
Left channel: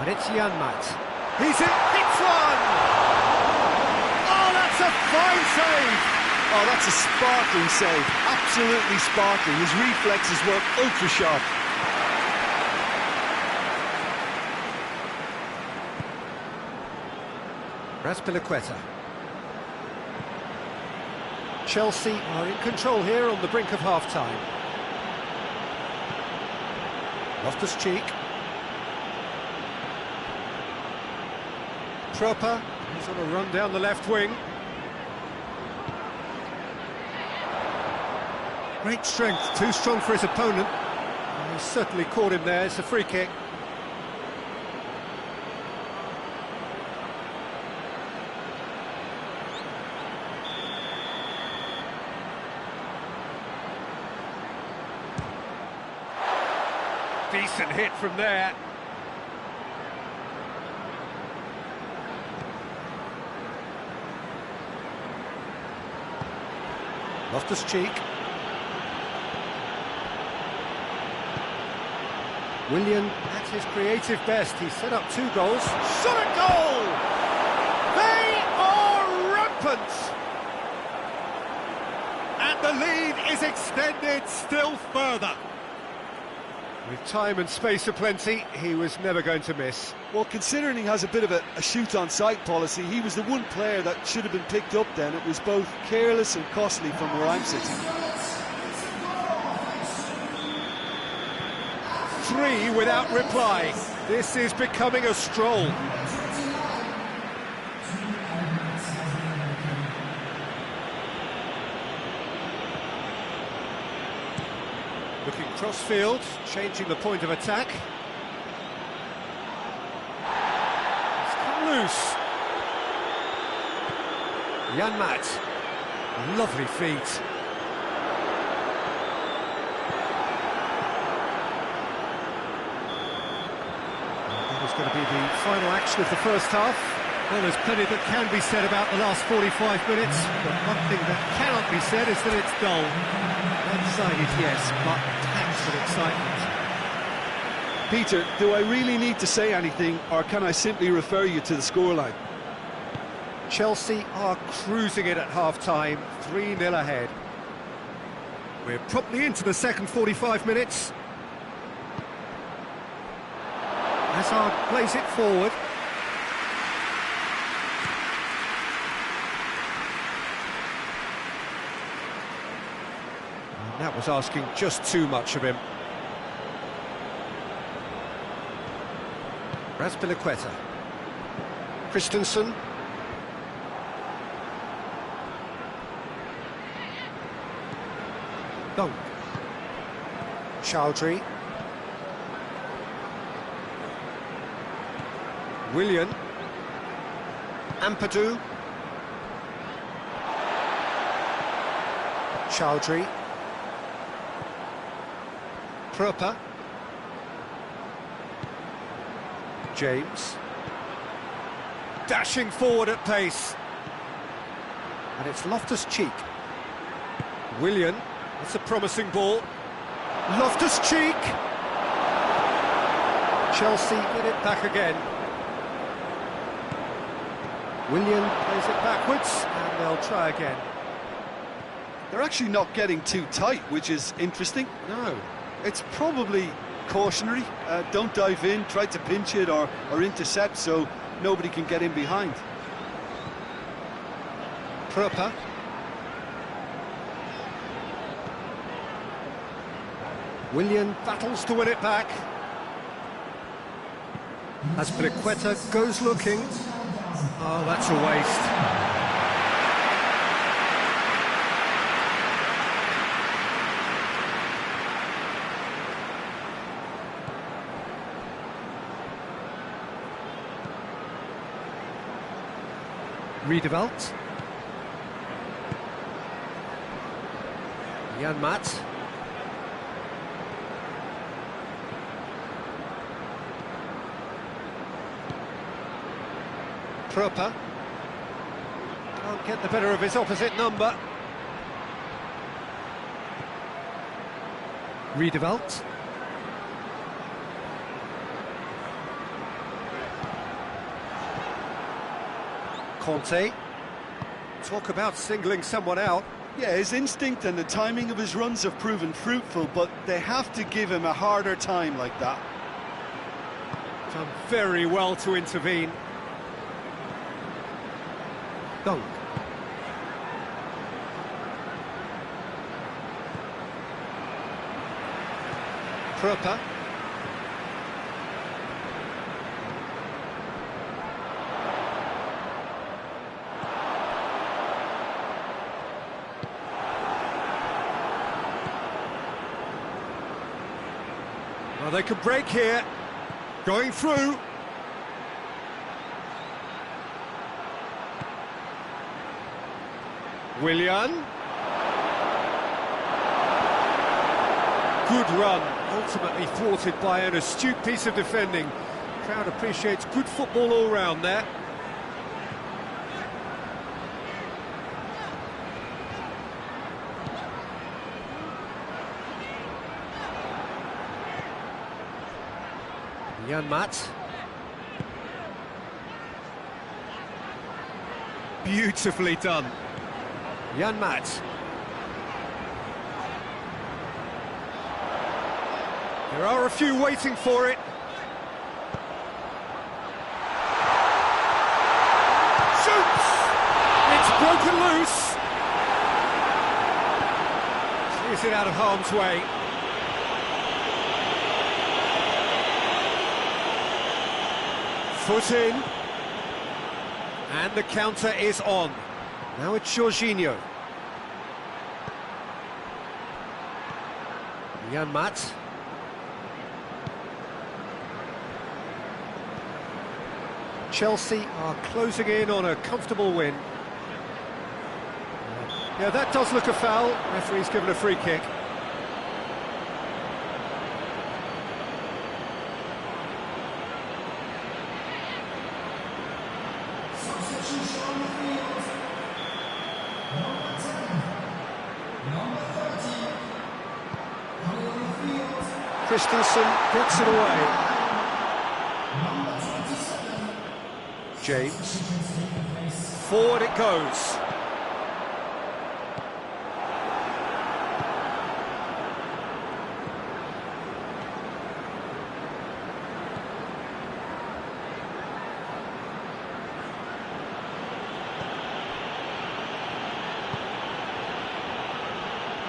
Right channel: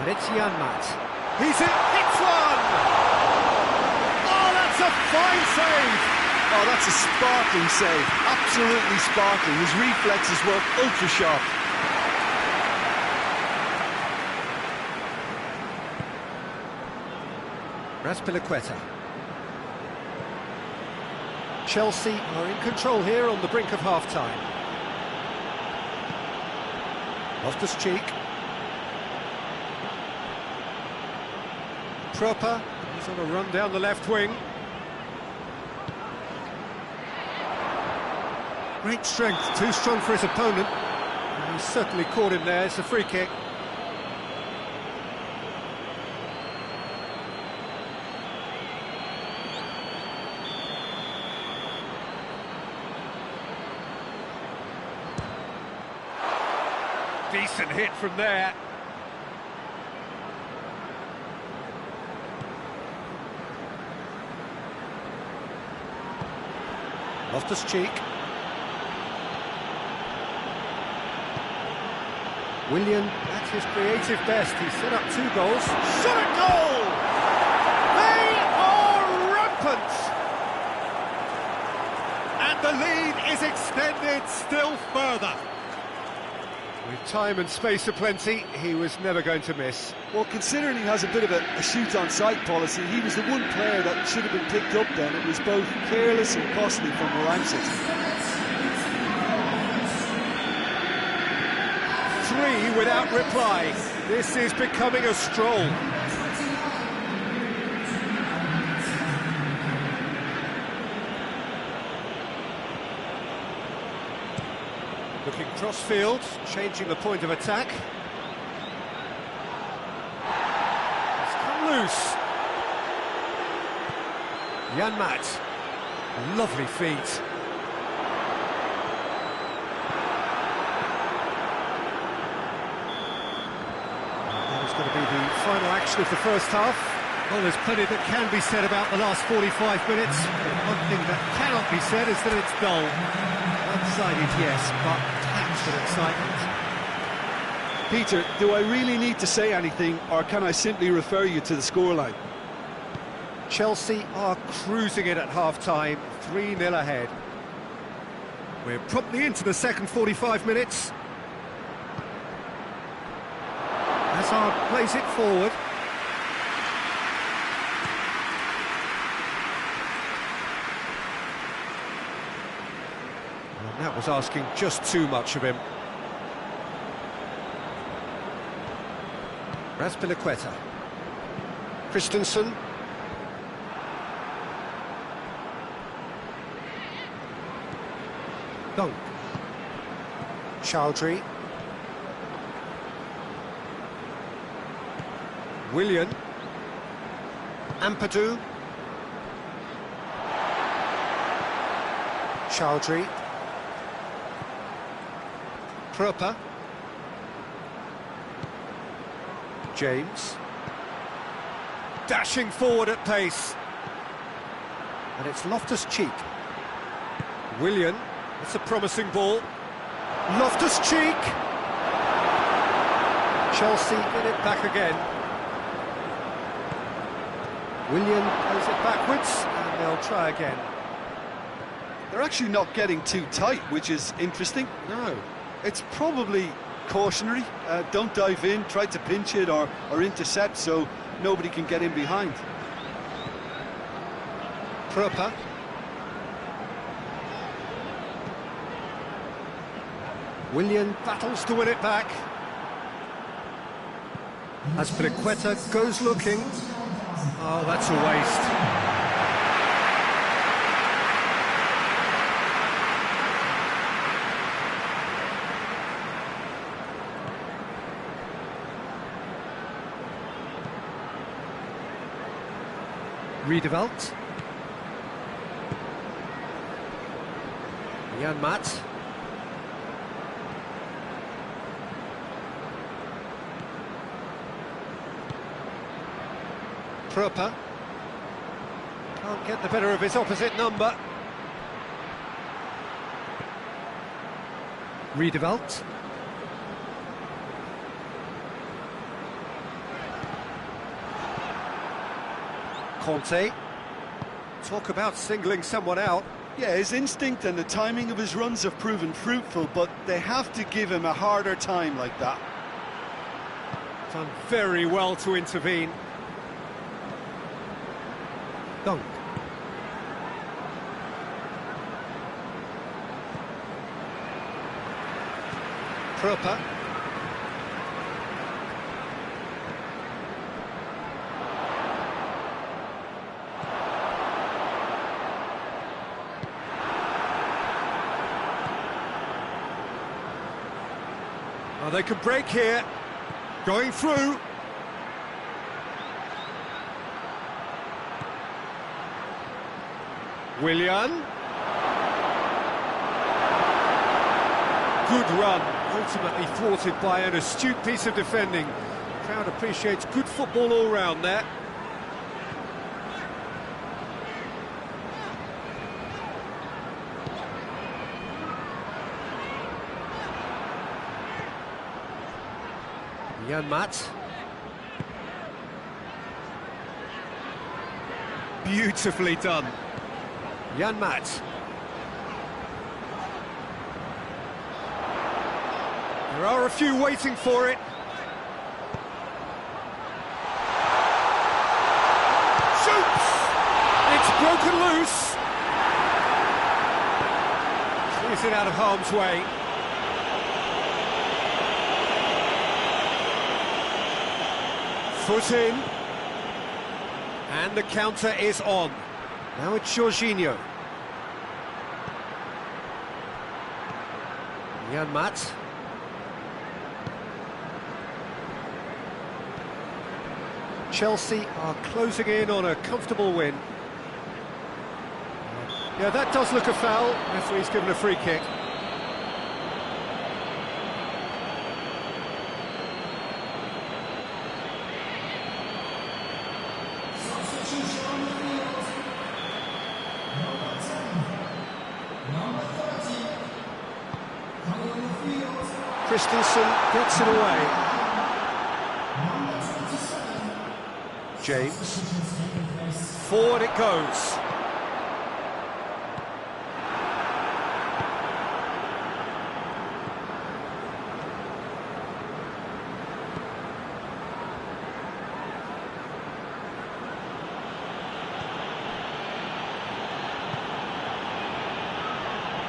And it's Janmaat. He's hits one! Oh, that's a fine save! Oh, that's a sparkling save. Absolutely sparkling. His reflexes work ultra sharp. Azpilicueta. Chelsea are in control here on the brink of half-time. Loftus-Cheek. Proper. He's on a run down the left wing. Great strength, too strong for his opponent. He certainly caught him there. It's a free kick. Decent hit from there. Loftus-Cheek. Willian at his creative best. He's set up 2 goals. Shot at goal! They are rampant! And the lead is extended still further. With time and space aplenty, he was never going to miss. Well, considering he has a bit of a shoot-on-sight policy, he was the one player that should have been picked up then. It was both careless and costly from where I'm sitting. 3 without reply. This is becoming a stroll. Looking cross-field, changing the point of attack. It's come loose. Janmaat. Lovely feet. That is going to be the final action of the first half. Well, there's plenty that can be said about the last 45 minutes, but one thing that cannot be said is that it's dull. One-sided, yes, but packed with excitement. Peter, do I really need to say anything, or can I simply refer you to the scoreline? Chelsea are cruising it at half-time, 3-0 ahead. We're promptly into the second 45 minutes. Hazard plays it forward. And that was asking just too much of him. Razpilicueta. Christensen. Dunk. Chowdhury. Willian. Ampadu. Chowdhury. Proper. James. Dashing forward at pace. And it's Loftus-Cheek. Willian. That's a promising ball. Loftus-Cheek. Chelsea get it back again. Willian plays it backwards, and they'll try again. They're actually not getting too tight, which is interesting. No. It's probably cautionary. Don't dive in, try to pinch it or intercept so nobody can get in behind. Proper. Willian battles to win it back. Azpilicueta goes looking. Oh, that's a waste. Redeveloped. Jan Maat. Proper. Can't get the better of his opposite number. Redeveloped. Conte. Talk about singling someone out. Yeah, his instinct and the timing of his runs have proven fruitful, but they have to give him a harder time like that. Done very well to intervene. Dunk. Proper. Well, they could break here. Going through. Willian. Good run, ultimately thwarted by an astute piece of defending. Crowd appreciates good football all round there. Jan Maat. Beautifully done. Jan Maat. There are a few waiting for it. Shoots! It's broken loose. Clears it out of harm's way. Foot in. And the counter is on. Now it's Jorginho. Jan Maat. Chelsea are closing in on a comfortable win. Yeah, that does look a foul. Referee's given a free kick. Christensen gets it away. James. Forward it goes.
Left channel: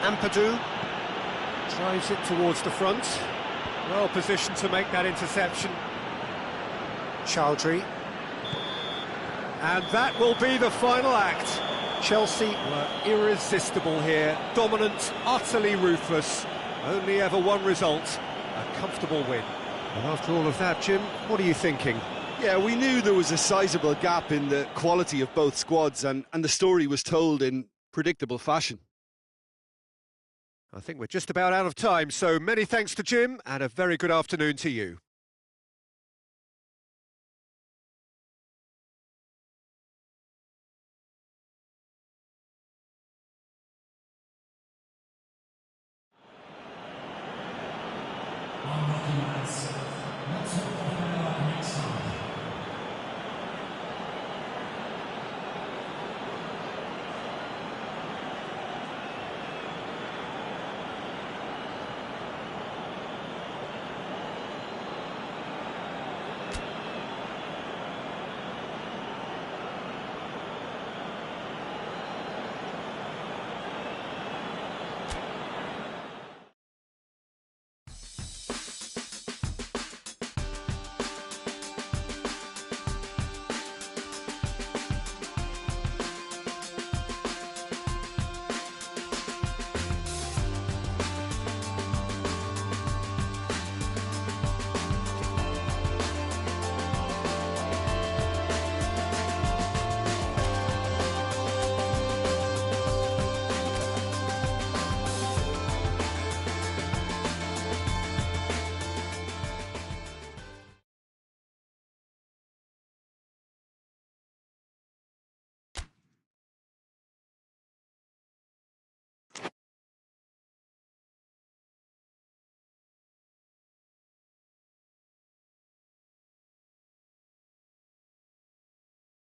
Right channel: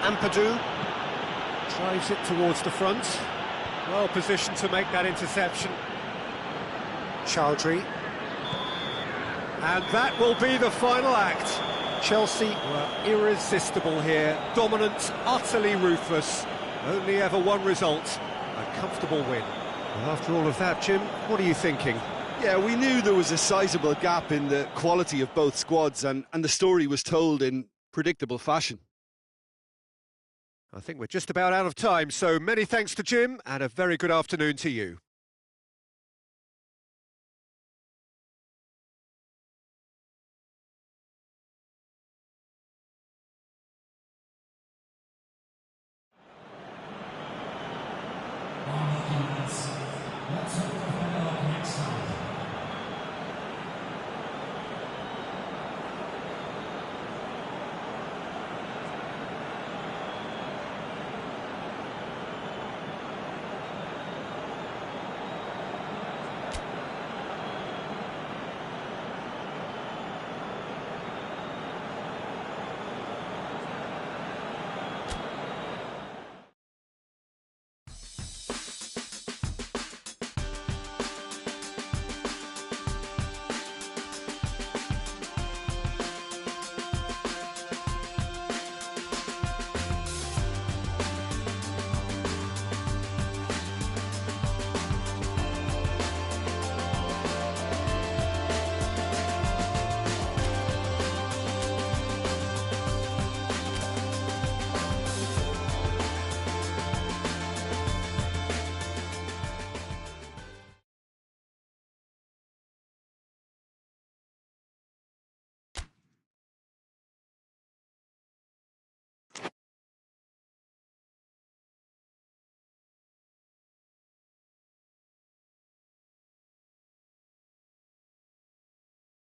Ampadu drives it towards the front. Well positioned to make that interception. Chowdhury. And that will be the final act. Chelsea were irresistible here. Dominant, utterly ruthless. Only ever one result. A comfortable win. Well, after all of that, Jim, what are you thinking? Yeah, we knew there was a sizable gap in the quality of both squads, and the story was told in predictable fashion. I think we're just about out of time, so many thanks to Jim, and a very good afternoon to you.